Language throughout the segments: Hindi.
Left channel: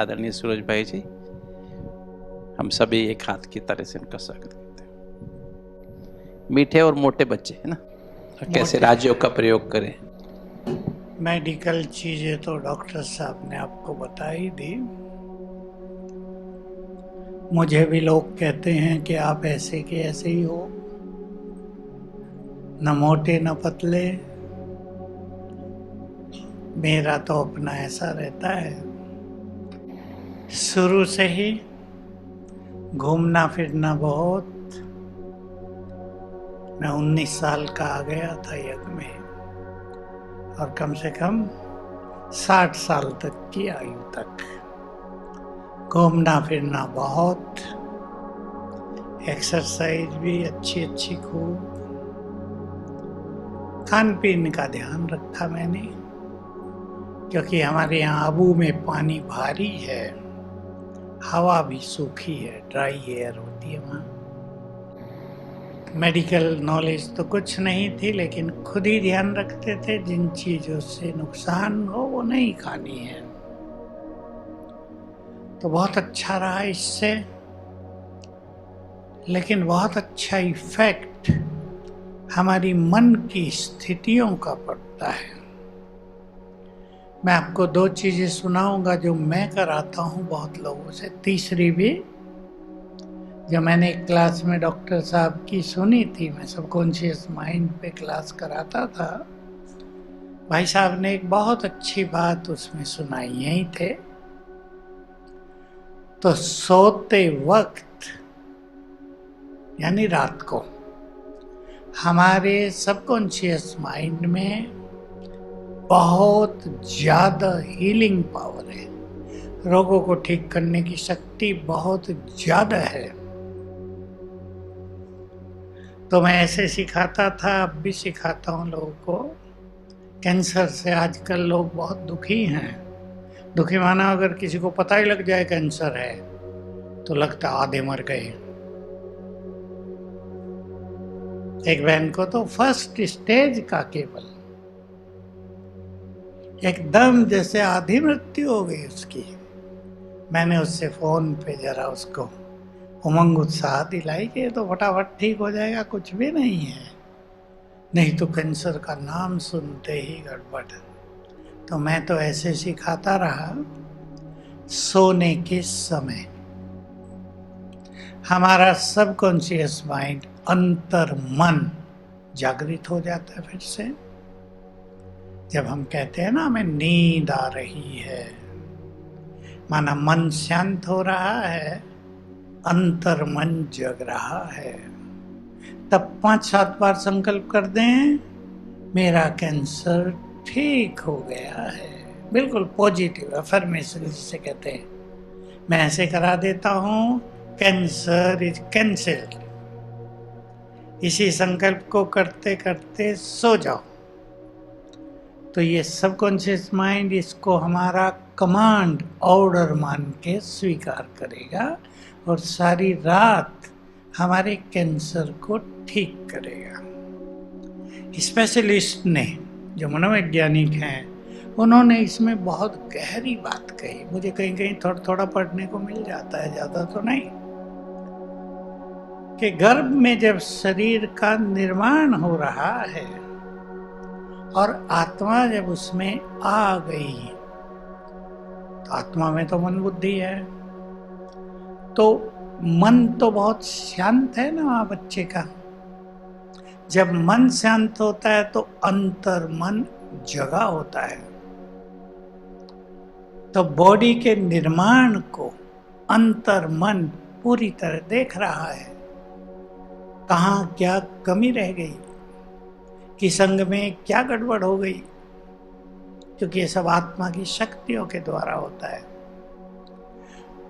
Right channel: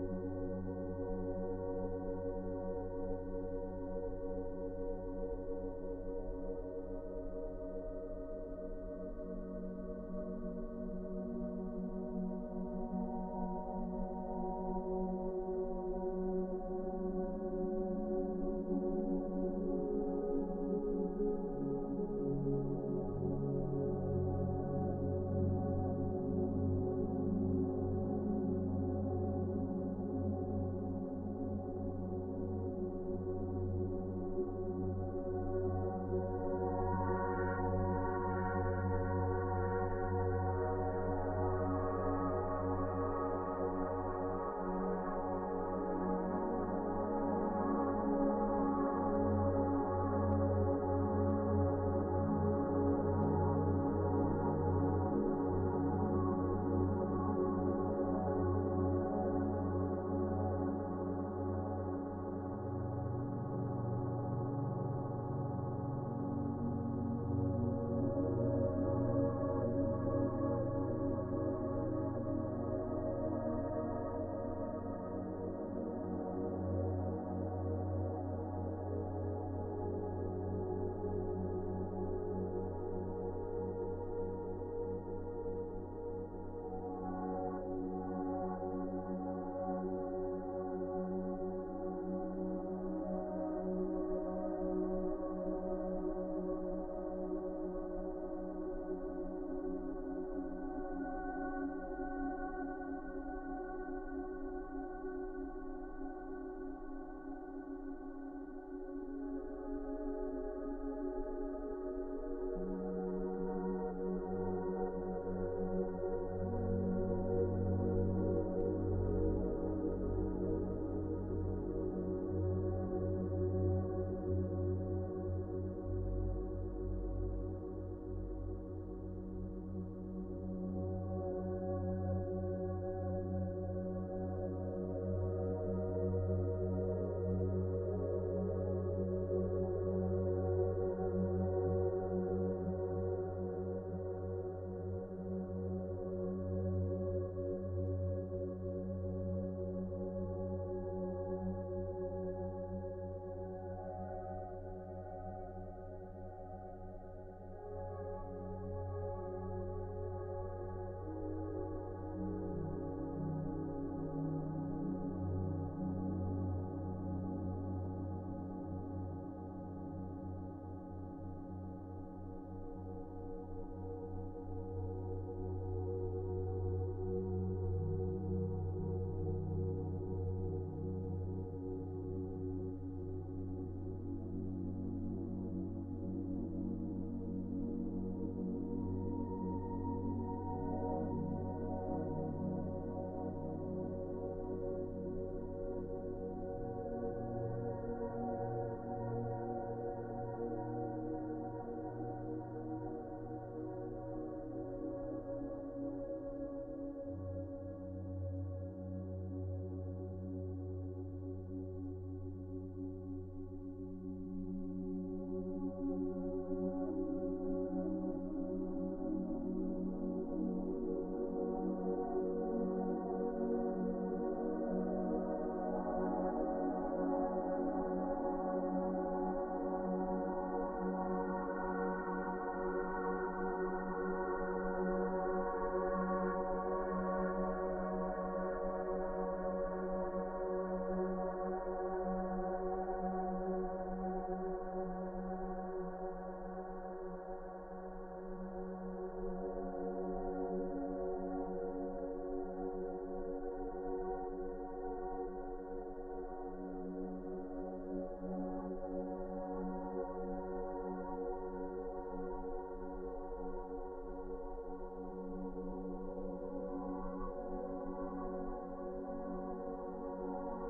आदरणीय सूरज भाई जी, हम सभी एक हाथ की तरह से उनका स्वागत करते हैं। मीठे और मोटे बच्चे है ना, कैसे राज्यों का प्रयोग करें। मेडिकल चीजें तो डॉक्टर साहब ने आपको बता ही दी। मुझे भी लोग कहते हैं कि आप ऐसे के ऐसे ही हो, न मोटे न पतले। मेरा तो अपना ऐसा रहता है, शुरू से ही घूमना फिरना बहुत। मैं 19 साल का आ गया था यज्ञ में, और कम से कम 60 साल तक की आयु तक घूमना फिरना बहुत, एक्सरसाइज भी अच्छी अच्छी खूब, खान पीन का ध्यान रखा मैंने, क्योंकि हमारे यहाँ आबू में पानी भारी है, हवा भी सूखी है, ड्राई एयर होती है वहाँ। मेडिकल नॉलेज तो कुछ नहीं थी, लेकिन खुद ही ध्यान रखते थे जिन चीज़ों से नुकसान हो वो नहीं खानी है। तो बहुत अच्छा रहा इससे, लेकिन बहुत अच्छा इफेक्ट हमारी मन की स्थितियों का पड़ता है। मैं आपको 2 चीजें सुनाऊंगा जो मैं कराता हूँ बहुत लोगों से। तीसरी भी जो मैंने एक क्लास में डॉक्टर साहब की सुनी थी, मैं सबकॉन्शियस माइंड पे क्लास कराता था। भाई साहब ने एक बहुत अच्छी बात उसमें सुनाई, यही थे। तो सोते वक्त यानी रात को हमारे सबकॉन्शियस माइंड में बहुत ज्यादा हीलिंग पावर है, रोगों को ठीक करने की शक्ति बहुत ज्यादा है। तो मैं ऐसे सिखाता था, अब भी सिखाता हूँ लोगों को। कैंसर से आजकल लोग बहुत दुखी हैं। दुखी माना, अगर किसी को पता ही लग जाए कैंसर है तो लगता आधे मर गए। एक बहन को तो फर्स्ट स्टेज का केवल एकदम जैसे आधी मृत्यु हो गई उसकी। मैंने उससे फोन पे जरा उसको उमंग उत्साह दिलाई कि तो फटाफट ठीक हो जाएगा, कुछ भी नहीं है, नहीं तो कैंसर का नाम सुनते ही गड़बड़। तो मैं तो ऐसे सिखाता रहा, सोने के समय हमारा सबकॉन्शियस माइंड, अंतर मन जागृत हो जाता है फिर से। जब हम कहते हैं ना हमें नींद आ रही है, माना मन शांत हो रहा है, अंतर मन जग रहा है। तब 5-7 बार संकल्प कर दें, मेरा कैंसर ठीक हो गया है। बिल्कुल पॉजिटिव अफर्मेशन जिसे कहते हैं, मैं ऐसे करा देता हूं, कैंसर इज कैंसल्ड। इसी संकल्प को करते करते सो जाओ, तो ये सबकॉन्शियस माइंड इसको हमारा कमांड ऑर्डर मान के स्वीकार करेगा और सारी रात हमारे कैंसर को ठीक करेगा। स्पेशलिस्ट ने, जो मनोवैज्ञानिक हैं, उन्होंने इसमें बहुत गहरी बात कही। मुझे कहीं कहीं थोड़ा थोड़ा पढ़ने को मिल जाता है, ज्यादा तो नहीं, कि गर्भ में जब शरीर का निर्माण हो रहा है और आत्मा जब उसमें आ गई, तो आत्मा में तो मन बुद्धि है, तो मन तो बहुत शांत है ना वहां बच्चे का। जब मन शांत होता है तो अंतर मन जगा होता है, तो बॉडी के निर्माण को अंतर मन पूरी तरह देख रहा है, कहाँ क्या कमी रह गई, किस अंग में क्या गड़बड़ हो गई, क्योंकि ये सब आत्मा की शक्तियों के द्वारा होता है।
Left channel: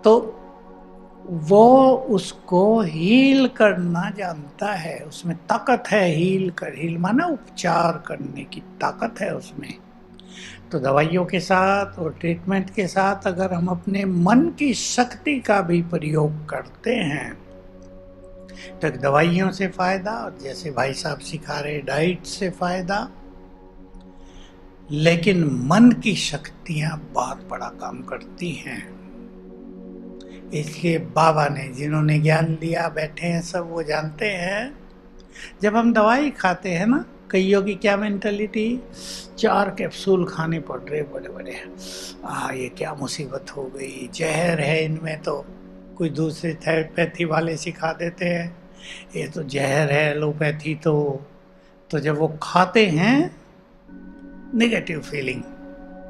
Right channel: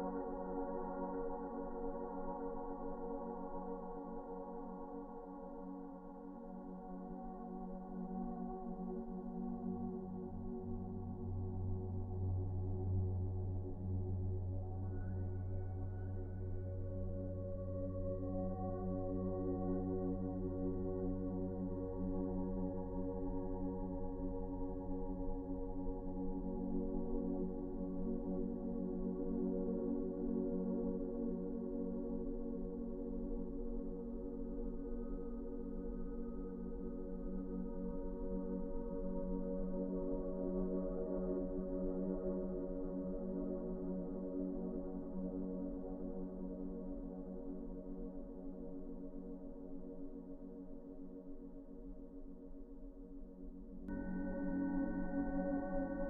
तो वो उसको हील करना जानता है, उसमें ताकत है। हील माना उपचार करने की ताकत है उसमें। तो दवाइयों के साथ और ट्रीटमेंट के साथ अगर हम अपने मन की शक्ति का भी प्रयोग करते हैं तो दवाइयों से फायदा, और जैसे भाई साहब सिखा रहे डाइट से फायदा, लेकिन मन की शक्तियां बहुत बड़ा काम करती हैं। इसलिए बाबा ने, जिन्होंने ज्ञान दिया, बैठे हैं सब, वो जानते हैं। जब हम दवाई खाते हैं ना, कईयों की क्या मेंटालिटी, 4 कैप्सूल खाने पड़ रहे बड़े बड़े, ये क्या मुसीबत हो गई, जहर है इनमें। तो कोई दूसरे थेरेपैथी वाले सिखा देते हैं ये तो जहर है, एलोपैथी। तो जब वो खाते हैं, नेगेटिव फीलिंग,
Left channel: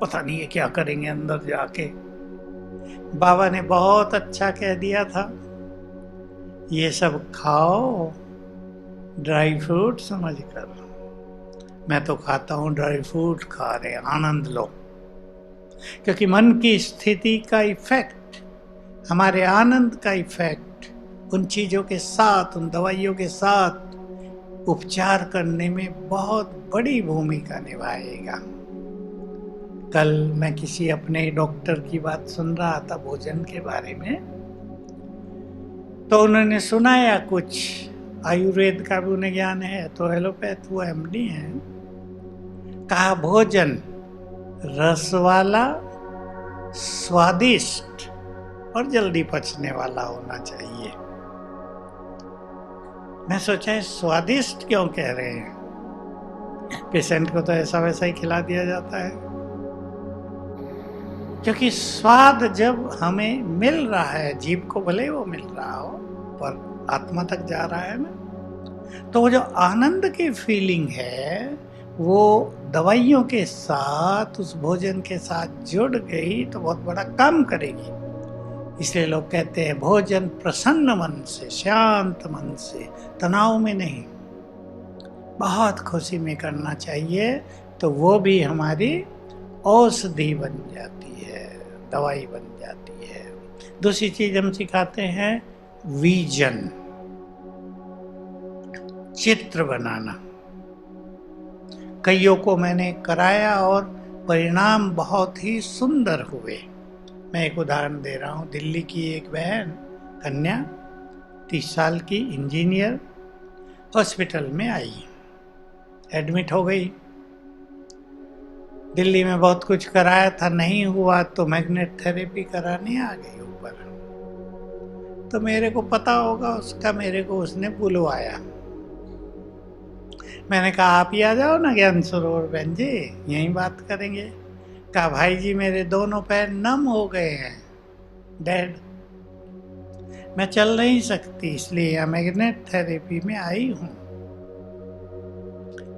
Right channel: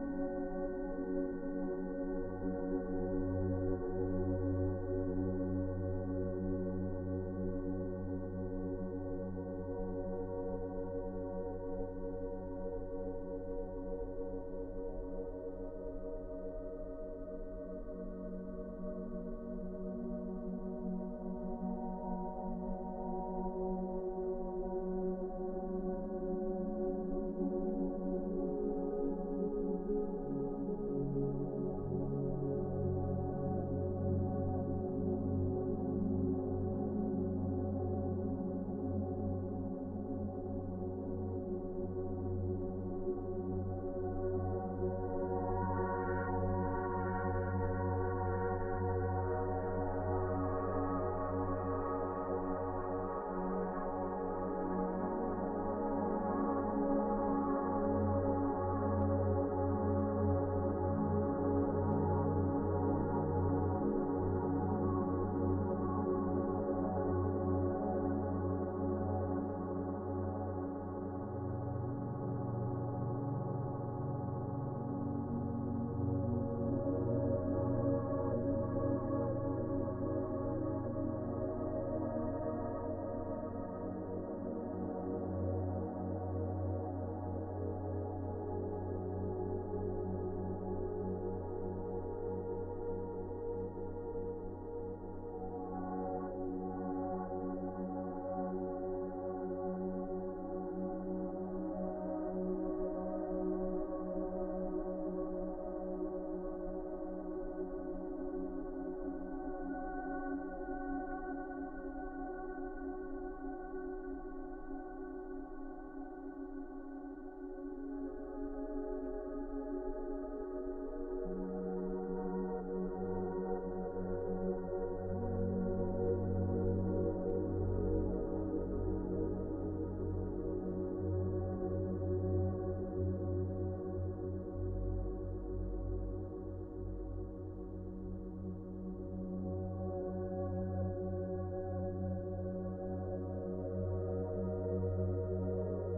पता नहीं ये क्या करेंगे अंदर जाके। बाबा ने बहुत अच्छा कह दिया था, ये सब खाओ ड्राई फ्रूट समझकर। मैं तो खाता हूँ ड्राई फ्रूट, खा रहे, आनंद लो। क्योंकि मन की स्थिति का इफेक्ट, हमारे आनंद का इफेक्ट उन चीजों के साथ, उन दवाइयों के साथ उपचार करने में बहुत बड़ी भूमिका निभाएगा। कल मैं किसी अपने डॉक्टर की बात सुन रहा था भोजन के बारे में, तो उन्होंने सुनाया कुछ, आयुर्वेद का भी उन्हें ज्ञान है, तो एलोपैथ वो एमडी है। कहा भोजन रस वाला, स्वादिष्ट और जल्दी पचने वाला होना चाहिए। मैं सोचा है स्वादिष्ट क्यों कह रहे हैं, पेशेंट को तो ऐसा वैसा ही खिला दिया जाता है। क्योंकि स्वाद जब हमें मिल रहा है, जीभ को भले वो मिल रहा हो, पर आत्मा तक जा रहा है ना, तो वो जो आनंद की फीलिंग है, वो दवाइयों के साथ, उस भोजन के साथ जुड़ गई तो बहुत बड़ा काम करेगी। इसलिए लोग कहते हैं भोजन प्रसन्न मन से, शांत मन से, तनाव में नहीं, बहुत खुशी में करना चाहिए। तो वो भी हमारी औषधि बन जाती है, दवाई बन जाती है। दूसरी चीज हम सिखाते हैं विजन, चित्र बनाना। कईयों को मैंने कराया और परिणाम बहुत ही सुंदर हुए। मैं एक उदाहरण दे रहा हूँ। दिल्ली की एक बहन, कन्या, 30 साल की, इंजीनियर, हॉस्पिटल में आई, एडमिट हो गई। दिल्ली में बहुत कुछ कराया था, नहीं हुआ तो मैग्नेट थेरेपी कराने आ गई ऊपर। तो मेरे को पता होगा उसका, मेरे को उसने बुलवाया। मैंने कहा आप ही आ जाओ ना ज्ञान सरोवर बहन जी, यहीं बात करेंगे। कहा भाई जी मेरे दोनों पैर नम हो गए हैं, डेड, मैं चल नहीं सकती, इसलिए यहाँ मैग्नेट थेरेपी में आई हूँ।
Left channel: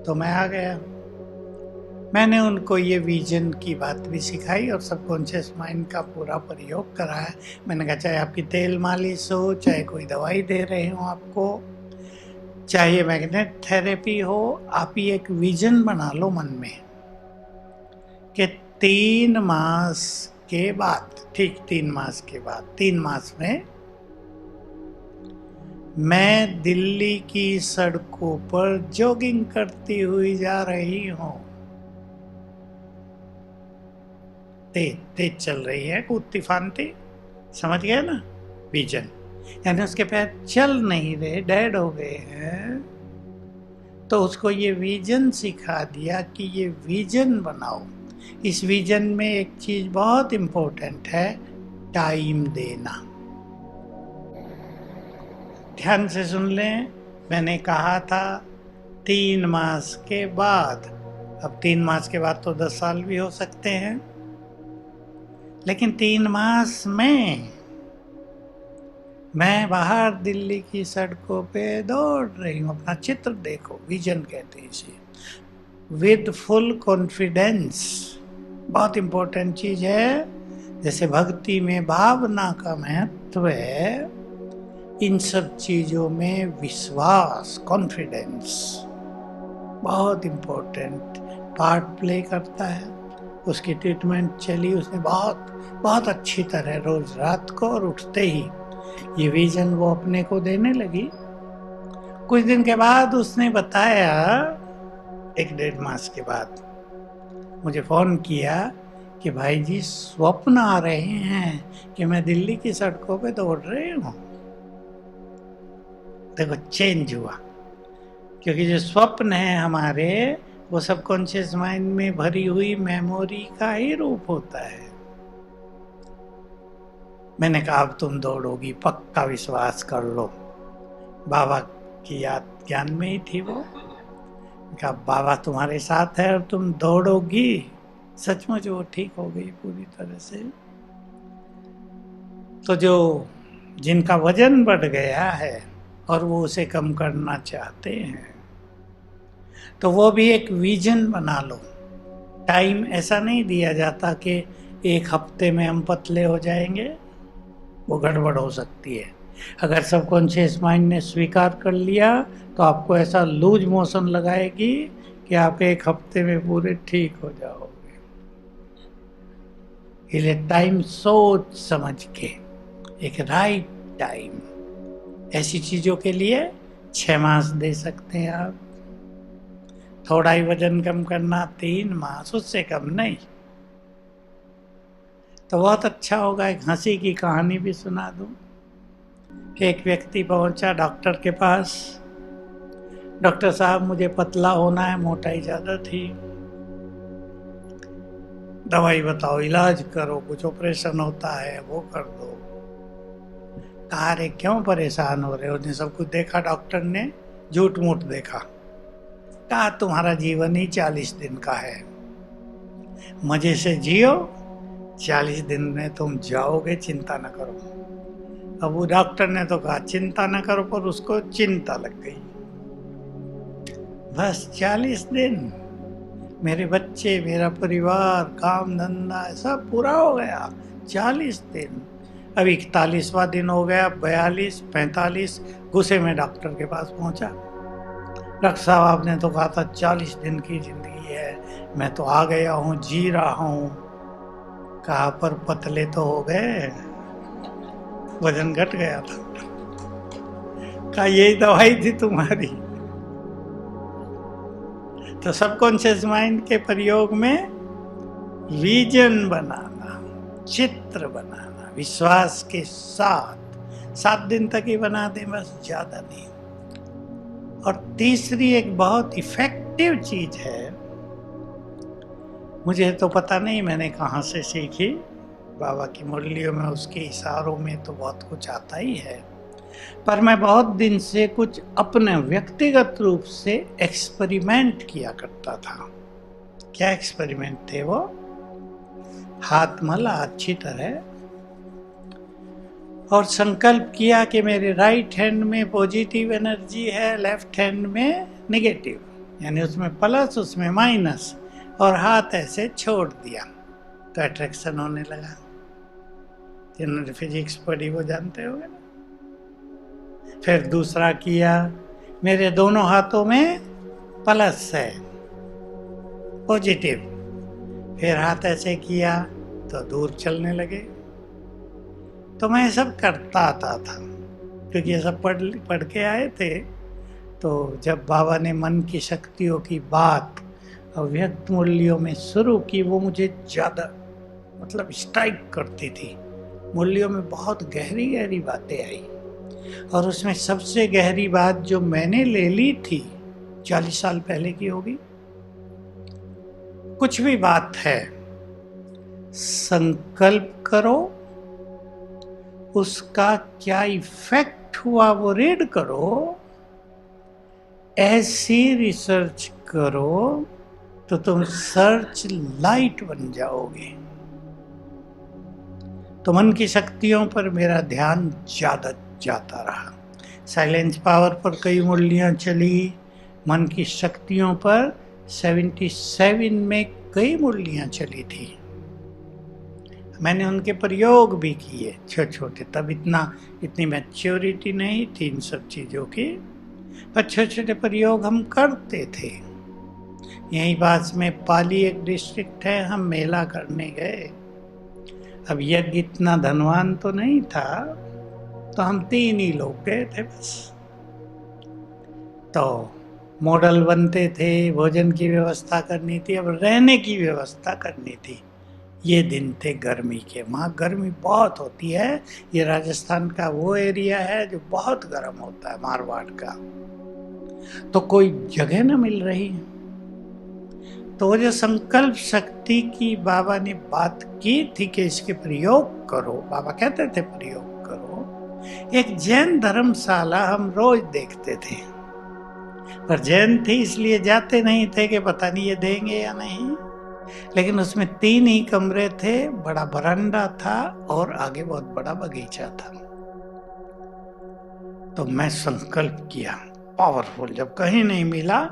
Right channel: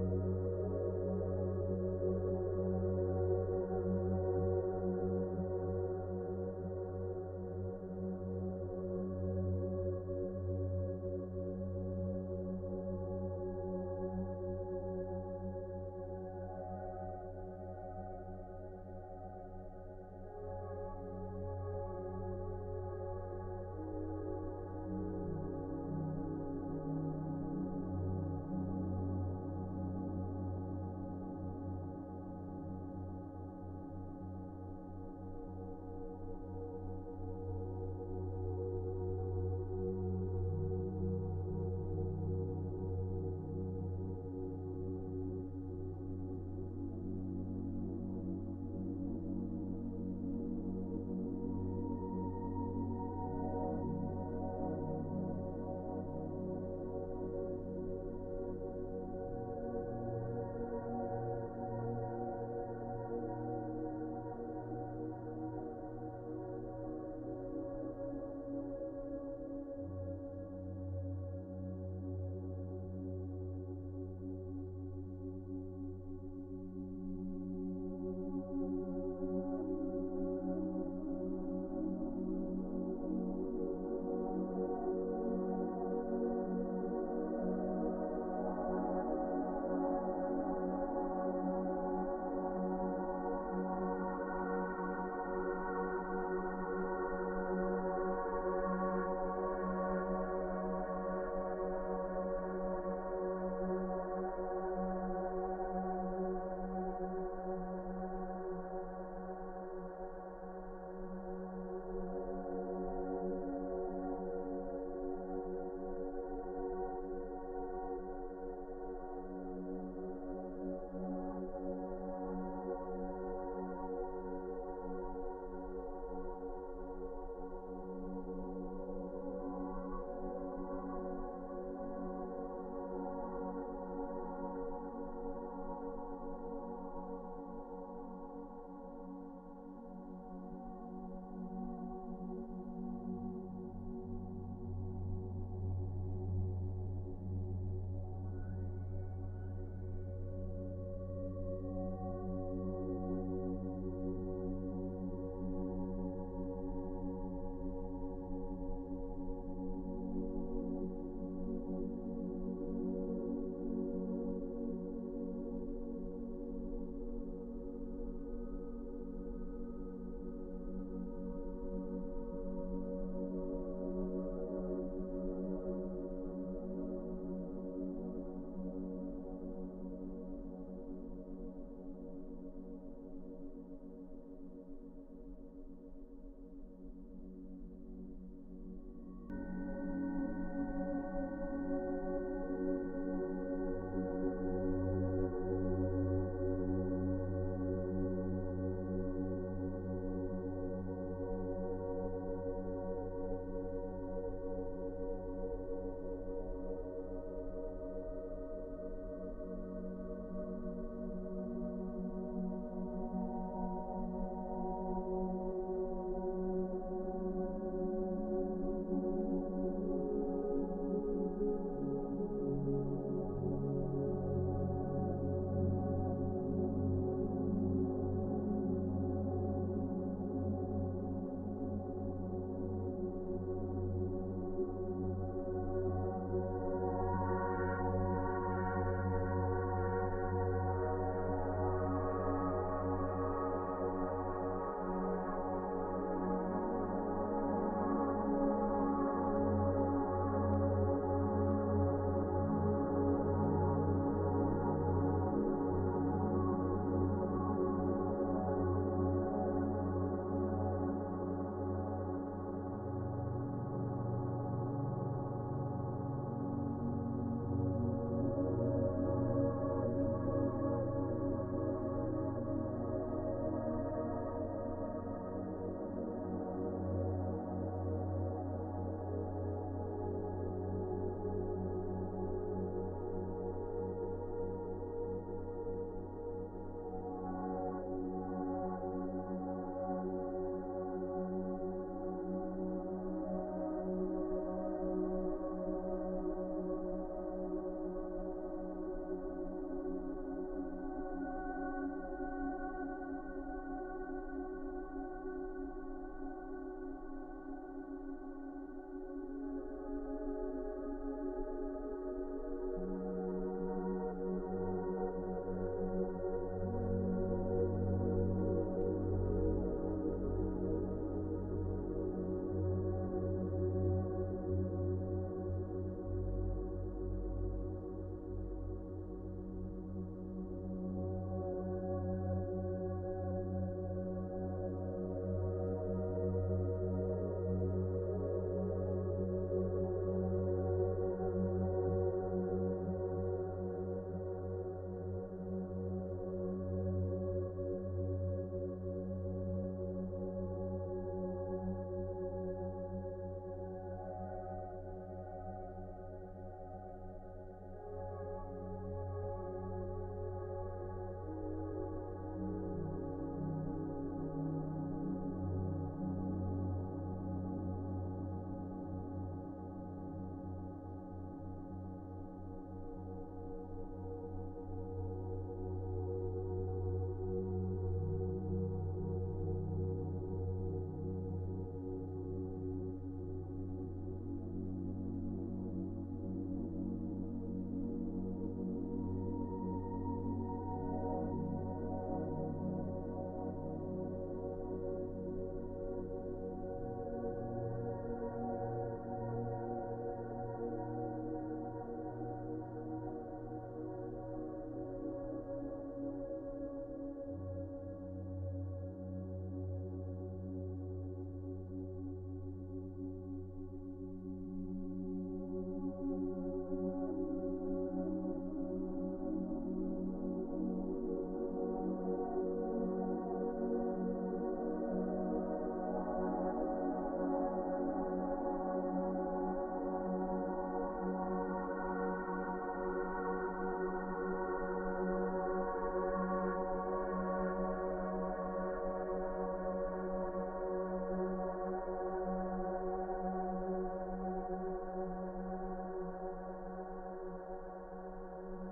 तो मैं आ गया। मैंने उनको ये विजन की बात भी सिखाई और सबकॉन्शियस माइंड का पूरा प्रयोग कराया। मैंने कहा चाहे आपकी तेल मालिश हो, चाहे कोई दवाई दे रहे हो आपको, चाहे मैग्नेट थेरेपी हो, आप ही एक विजन बना लो मन में कि 3 मास के बाद, ठीक 3 मास के बाद, 3 मास में मैं दिल्ली की सड़कों पर जॉगिंग करती हुई जा रही हूँ। तेज तेज चल रही है, कूदती फानती, समझ गए ना विजन। यानी उसके पैर चल नहीं रहे, डेड हो गए हैं। तो उसको ये विजन सिखा दिया कि ये विजन बनाओ। इस विजन में एक चीज बहुत इंपॉर्टेंट है, टाइम देना। ध्यान से सुन लें, मैंने कहा था 3 मास के बाद। अब 3 मास के बाद तो 10 साल भी हो सकते हैं, लेकिन 3 मास में मैं बाहर दिल्ली की सड़कों पे दौड़ रही हूँ। अपना चित्र देखो, विजन कहते हैं इसे, विद फुल कॉन्फिडेंस। बहुत इंपॉर्टेंट चीज है। जैसे भक्ति में भावना का महत्व है, इन सब चीजों में विश्वास, कॉन्फिडेंस बहुत इंपॉर्टेंट पार्ट प्ले करता है। उसकी ट्रीटमेंट चली उसने बहुत अच्छी तरह, रोज रात को और उठते ही ये विजन वो अपने को देने लगी। कुछ दिन के बाद उसने बताया, 1-1.5 मास के बाद मुझे फोन किया कि भाई जी स्वप्न आ रहे हैं कि मैं दिल्ली की सड़कों पे दौड़ रही हूँ। देखो चेंज हुआ, क्योंकि जो स्वप्न है हमारे, वो सबकॉन्शियस माइंड में भरी हुई मेमोरी का ही रूप होता है। मैंने कहा अब तुम दौड़ोगी, पक्का विश्वास कर लो। बाबा की याद ज्ञान में ही थी वो। कहा बाबा तुम्हारे साथ है और तुम दौड़ोगी। सचमुच वो ठीक हो गई पूरी तरह से। तो जो जिनका वजन बढ़ गया है और वो उसे कम करना चाहते हैं, तो वो भी एक विजन बना लो। टाइम ऐसा नहीं दिया जाता कि 1 हफ्ते में हम पतले हो जाएंगे, वो गड़बड़ हो सकती है। अगर सबकॉन्शियस माइंड ने स्वीकार कर लिया तो आपको ऐसा लूज मोशन लगाएगी कि आप 1 हफ्ते में पूरे ठीक हो जाओगे। इसलिए टाइम सोच समझ के, एक राइट टाइम, ऐसी चीजों के लिए 6 मास दे सकते हैं आप। थोड़ा ही वजन कम करना 3 मास, उससे कम नहीं। तो बहुत अच्छा होगा। एक हंसी की कहानी भी सुना दूं। एक व्यक्ति पहुंचा डॉक्टर के पास। डॉक्टर साहब मुझे पतला होना है, मोटाई ज्यादा थी, दवाई बताओ, इलाज करो, कुछ ऑपरेशन होता है वो कर दो। कहा रे क्यों परेशान हो रहे हो? उसने सब कुछ देखा, डॉक्टर ने झूठ मूठ देखा। कहा तुम्हारा जीवन ही 40 दिन का है, मजे से जियो, 40 दिन में तुम जाओगे, चिंता न करो। अब वो डॉक्टर ने तो कहा चिंता न करो, पर उसको चिंता लग गई। बस 40 दिन, मेरे बच्चे, मेरा परिवार, काम धंधा सब पूरा हो गया। 40 दिन, अब 41वां दिन हो गया, 42, 45, गुस्से में डॉक्टर के पास पहुंचा। डॉक्टर साहब आपने तो कहा था 40 दिन की जिंदगी है, मैं तो आ गया हूँ, जी रहा हूँ। कहा पर पतले तो हो गए, वजन घट गया था। कहा यही दवाई थी तुम्हारी। तो सबकॉन्शियस माइंड के प्रयोग में विजन बनाना, चित्र बनाना, विश्वास के साथ 7 दिन तक ही बना दें बस, ज्यादा नहीं। और तीसरी एक बहुत इफेक्टिव चीज है, मुझे तो पता नहीं मैंने कहाँ से सीखी, बाबा की मुरलियों में, उसके इशारों में तो बहुत कुछ आता ही है, पर मैं बहुत दिन से कुछ अपने व्यक्तिगत रूप से एक्सपेरिमेंट किया करता था। क्या एक्सपेरिमेंट थे वो? हाथ मला अच्छी तरह और संकल्प किया कि मेरे राइट हैंड में पॉजिटिव एनर्जी है, लेफ्ट हैंड में नेगेटिव, यानी उसमें प्लस उसमें माइनस, और हाथ ऐसे छोड़ दिया तो अट्रैक्शन होने लगा। जिन्होंने फिजिक्स पढ़ी वो जानते होंगे। फिर दूसरा किया, मेरे दोनों हाथों में प्लस है, पॉजिटिव, फिर हाथ ऐसे किया तो दूर चलने लगे। तो मैं सब करता आता था, क्योंकि ये सब पढ़ के आए थे। तो जब बाबा ने मन की शक्तियों की बात अव्यक्त मूल्यों में शुरू की, वो मुझे ज़्यादा मतलब स्ट्राइक करती थी। मूल्यों में बहुत गहरी गहरी बातें आई, और उसमें सबसे गहरी बात जो मैंने ले ली थी, 40 साल पहले की होगी, कुछ भी बात है, संकल्प करो, उसका क्या इफेक्ट हुआ वो रीड करो, ऐसी रिसर्च करो तो तुम सर्च लाइट बन जाओगे। तो मन की शक्तियों पर मेरा ध्यान ज्यादा जाता रहा। साइलेंस पावर पर कई मुरलियां चली, मन की शक्तियों पर 77 में कई मुरलियां चली थी। मैंने उनके प्रयोग भी किए छोटे छोटे, तब इतनी मैच्योरिटी नहीं थी इन सब चीज़ों की, पर छोटे छोटे प्रयोग हम करते थे। यहीं पास में पाली एक डिस्ट्रिक्ट है, हम मेला करने गए। अब यज्ञ इतना धनवान तो नहीं था, तो हम 3 ही लोग गए थे बस। तो मॉडल बनते थे, भोजन की व्यवस्था करनी थी, अब रहने की व्यवस्था करनी थी। ये दिन थे गर्मी के, वहाँ गर्मी बहुत होती है। ये राजस्थान का वो एरिया है जो बहुत गर्म होता है, मारवाड़ का। तो कोई जगह न मिल रही, तो वो जो संकल्प शक्ति की बाबा ने बात की थी कि इसके प्रयोग करो, बाबा कहते थे प्रयोग करो। एक जैन धर्मशाला हम रोज देखते थे, पर जैन थे इसलिए जाते नहीं थे कि पता नहीं ये देंगे या नहीं, लेकिन उसमें 3 ही कमरे थे, बड़ा बरामदा था और आगे बहुत बड़ा बगीचा था। तो मैं संकल्प किया पावरफुल, जब कहीं नहीं मिला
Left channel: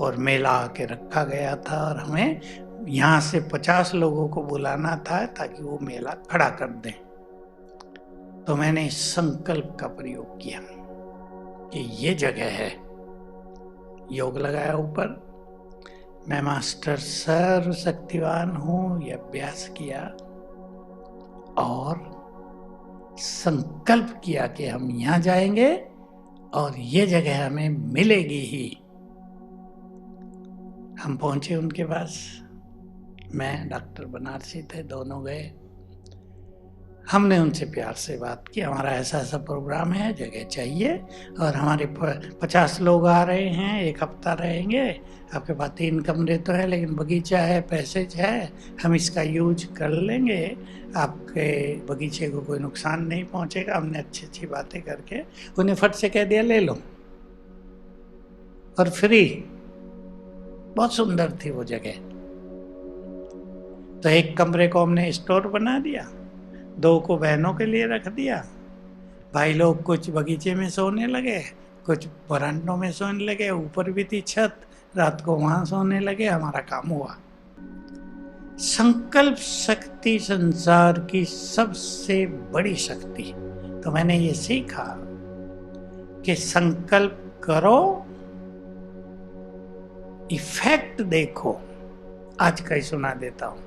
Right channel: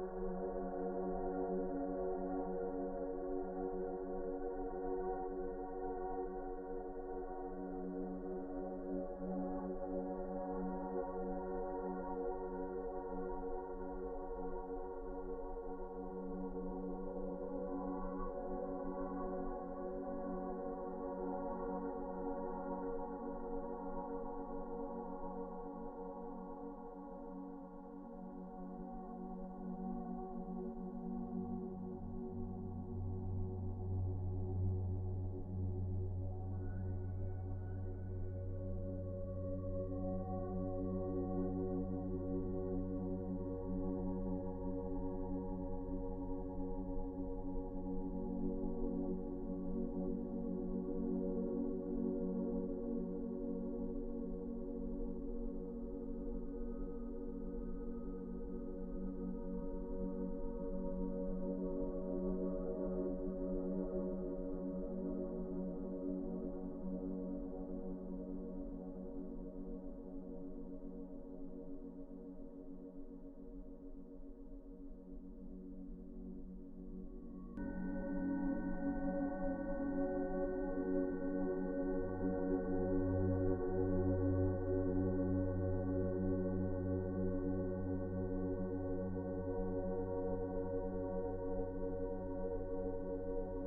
और मेला आके रखा गया था और हमें यहाँ से 50 लोगों को बुलाना था ताकि वो मेला खड़ा कर दें। तो मैंने इस संकल्प का प्रयोग किया कि ये जगह है, योग लगाया ऊपर, मैं मास्टर सर्वशक्तिवान हूँ, ये अभ्यास किया और संकल्प किया कि हम यहाँ जाएंगे और ये जगह हमें मिलेगी ही। हम पहुंचे उनके पास, मैं डॉक्टर बनारसी थे, दोनों गए। हमने उनसे प्यार से बात की, हमारा ऐसा ऐसा प्रोग्राम है, जगह चाहिए और हमारे 50 लोग आ रहे हैं, 1 हफ्ता रहेंगे, आपके पास 3 कमरे तो है लेकिन बगीचा है, पैसेज है, हम इसका यूज कर लेंगे, आपके बगीचे को कोई नुकसान नहीं पहुंचेगा। हमने अच्छी अच्छी बातें करके उन्हें फट से कह दिया ले लो और फ्री। बहुत सुंदर थी वो जगह। तो 1 कमरे को हमने स्टोर बना दिया, 2 को बहनों के लिए रख दिया, भाई लोग कुछ बगीचे में सोने लगे, कुछ बरामदों में सोने लगे, ऊपर भी थी छत, रात को वहां सोने लगे। हमारा काम हुआ। संकल्प शक्ति संसार की सबसे बड़ी शक्ति। तो मैंने ये सीखा कि संकल्प करो, इफेक्ट देखो। आज का ही सुना देता हूं।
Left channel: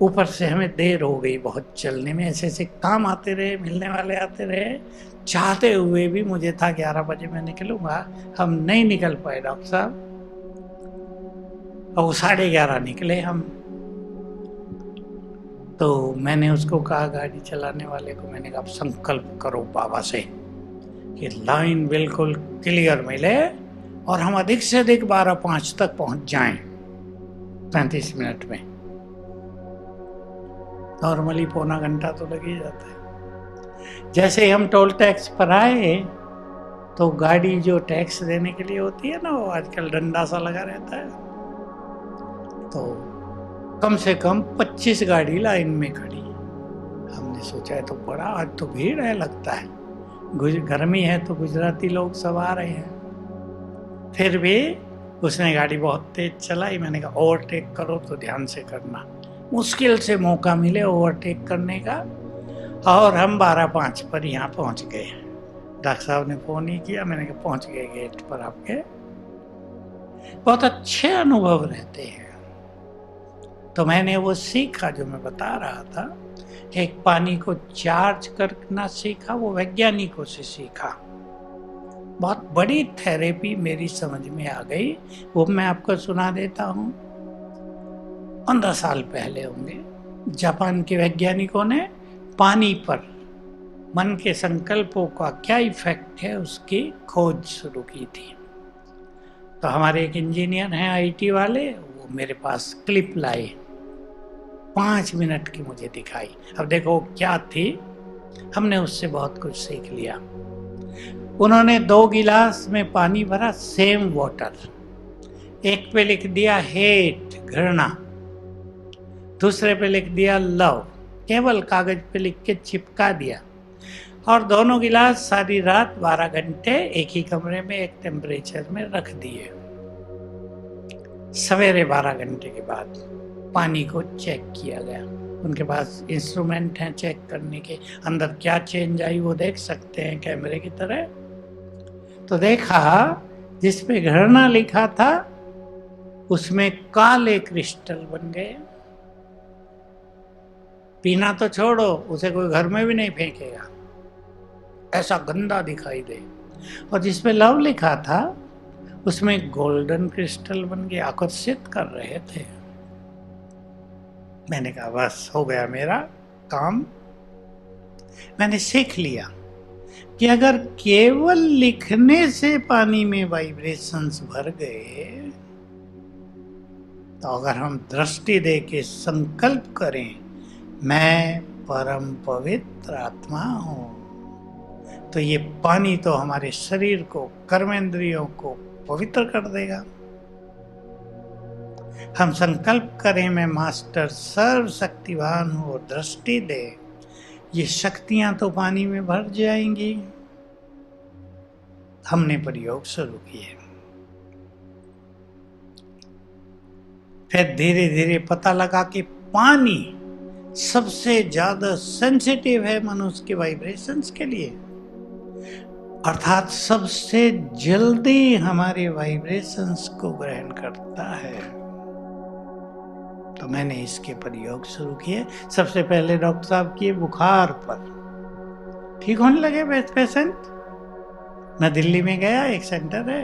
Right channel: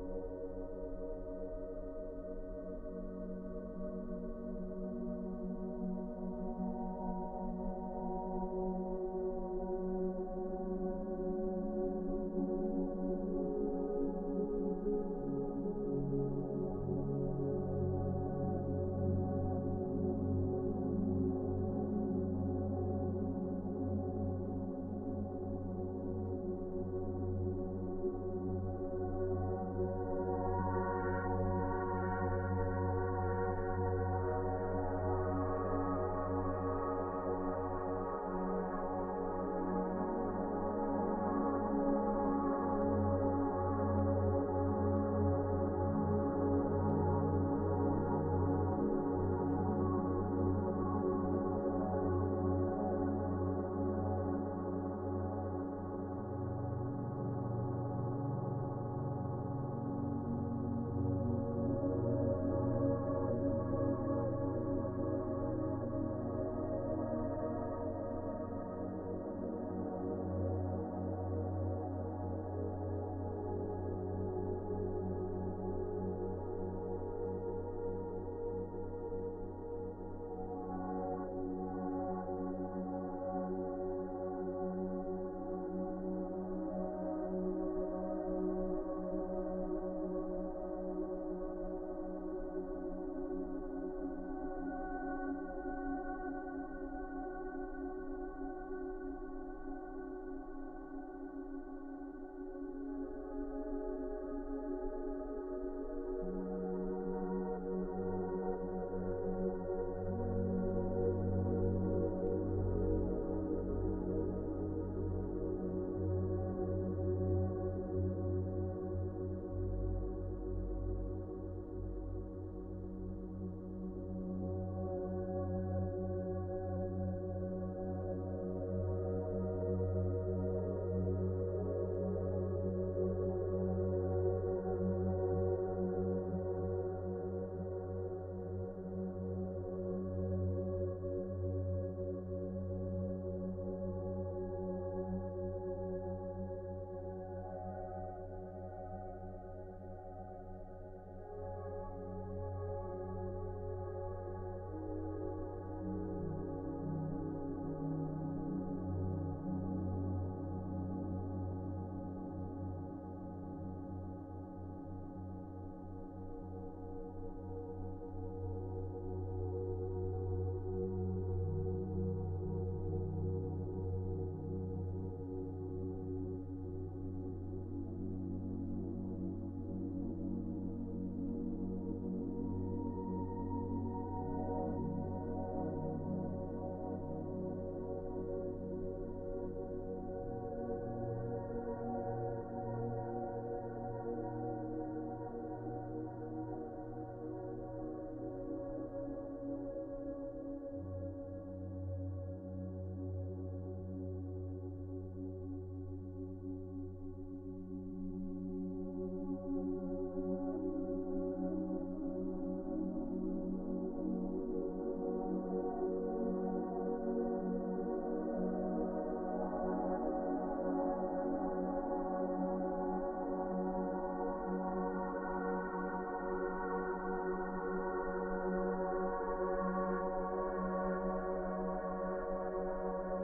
ऊपर से हमें देर हो गई बहुत चलने में, ऐसे ऐसे काम आते रहे, मिलने वाले आते रहे, चाहते हुए भी मुझे था 11 बजे मैं निकलूंगा, हम नहीं निकल पाए डॉक्टर साहब, और 11:30 निकले हम। तो मैंने उसको कहा, गाड़ी चलाने वाले को मैंने कहा संकल्प करो बाबा से कि लाइन बिल्कुल क्लियर मिले और हम अधिक से अधिक 12:05 तक पहुंच जाएं 35 मिनट में। नॉर्मली पौना घंटा तो लग ही जाता है। जैसे ही हम टोल टैक्स पर आए तो गाड़ी जो टैक्स देने के लिए होती है ना, वो आजकल डंडा सा लगा रहता है, तो कम से कम 25 गाड़ी लाइन में खड़ी। हमने सोचा है तो बड़ा, आज तो भीड़ है लगता है, गर्मी है तो गुजराती लोग सब आ रहे हैं। फिर भी उसने गाड़ी बहुत तेज चलाई। मैंने कहा ओवरटेक करो तो ध्यान से करना, मुश्किल से मौका मिले ओवरटेक करने का। और हम 12:05 पर यहाँ पहुँच गए। डॉक्टर साहब ने फ़ोन ही किया, मैंने कहा पहुँच गए गेट पर आपके। बहुत अच्छे अनुभव रहते हैं। तो मैंने वो सीखा जो मैं बता रहा था, एक पानी को चार्ज करना सीखा, वो वैज्ञानिकों से सीखा। बहुत बड़ी थेरेपी मेरी समझ में आ गई, वो मैं आपको सुना देता हूँ। 15 साल पहले होंगे, जापान के वैज्ञानिकों ने पानी पर मन के संकल्पों का क्या इफेक्ट है उसकी खोज शुरू की थी। तो हमारे एक इंजीनियर हैं आईटी वाले, वो मेरे पास क्लिप लाए, 5 मिनट की मुझे दिखाई। अब देखो क्या थी, हमने उससे बहुत कुछ सीख लिया। उन्होंने 2 गिलास में पानी भरा, सेम वाटर, एक पे लिख दिया हेट, घृणा, दूसरे पे लिख दिया लव, केवल कागज पे लिख के चिपका दिया, और दोनों गिलास सारी रात 12 घंटे एक ही कमरे में एक टेम्परेचर में रख दिए। सवेरे 12 घंटे के बाद पानी को चेक किया गया। उनके पास इंस्ट्रूमेंट हैं चेक करने के, अंदर क्या चेंज आई वो देख सकते हैं कैमरे की तरह। तो देखा जिस पे घृणा लिखा था उसमें काले क्रिस्टल बन गए। पीना तो छोड़ो, उसे कोई घर में भी नहीं फेंकेगा, ऐसा गंदा दिखाई दे। और जिस पे लव लिखा था उसमें गोल्डन क्रिस्टल बन के आकर्षित कर रहे थे। मैंने कहा बस हो गया मेरा काम। मैंने सीख लिया कि अगर केवल लिखने से पानी में वाइब्रेशंस भर गए तो अगर हम दृष्टि दे के संकल्प करें, मैं परम पवित्र आत्मा हूं, तो ये पानी तो हमारे शरीर को, कर्मेंद्रियों को पवित्र कर देगा। हम संकल्प करें, मैं मास्टर सर्वशक्तिवान हूं, और दृष्टि दे, ये शक्तियां तो पानी में भर जाएंगी। हमने प्रयोग शुरू किए। फिर धीरे धीरे पता लगा कि पानी सबसे ज्यादा सेंसिटिव है मनुष्य के वाइब्रेशंस के लिए, अर्थात सबसे जल्दी हमारे वाइब्रेशंस को ग्रहण करता है। तो मैंने इसके प्रयोग शुरू किए। सबसे पहले डॉक्टर साहब किए बुखार पर, ठीक होने लगे पेशेंट। मैं दिल्ली में गया, एक सेंटर है,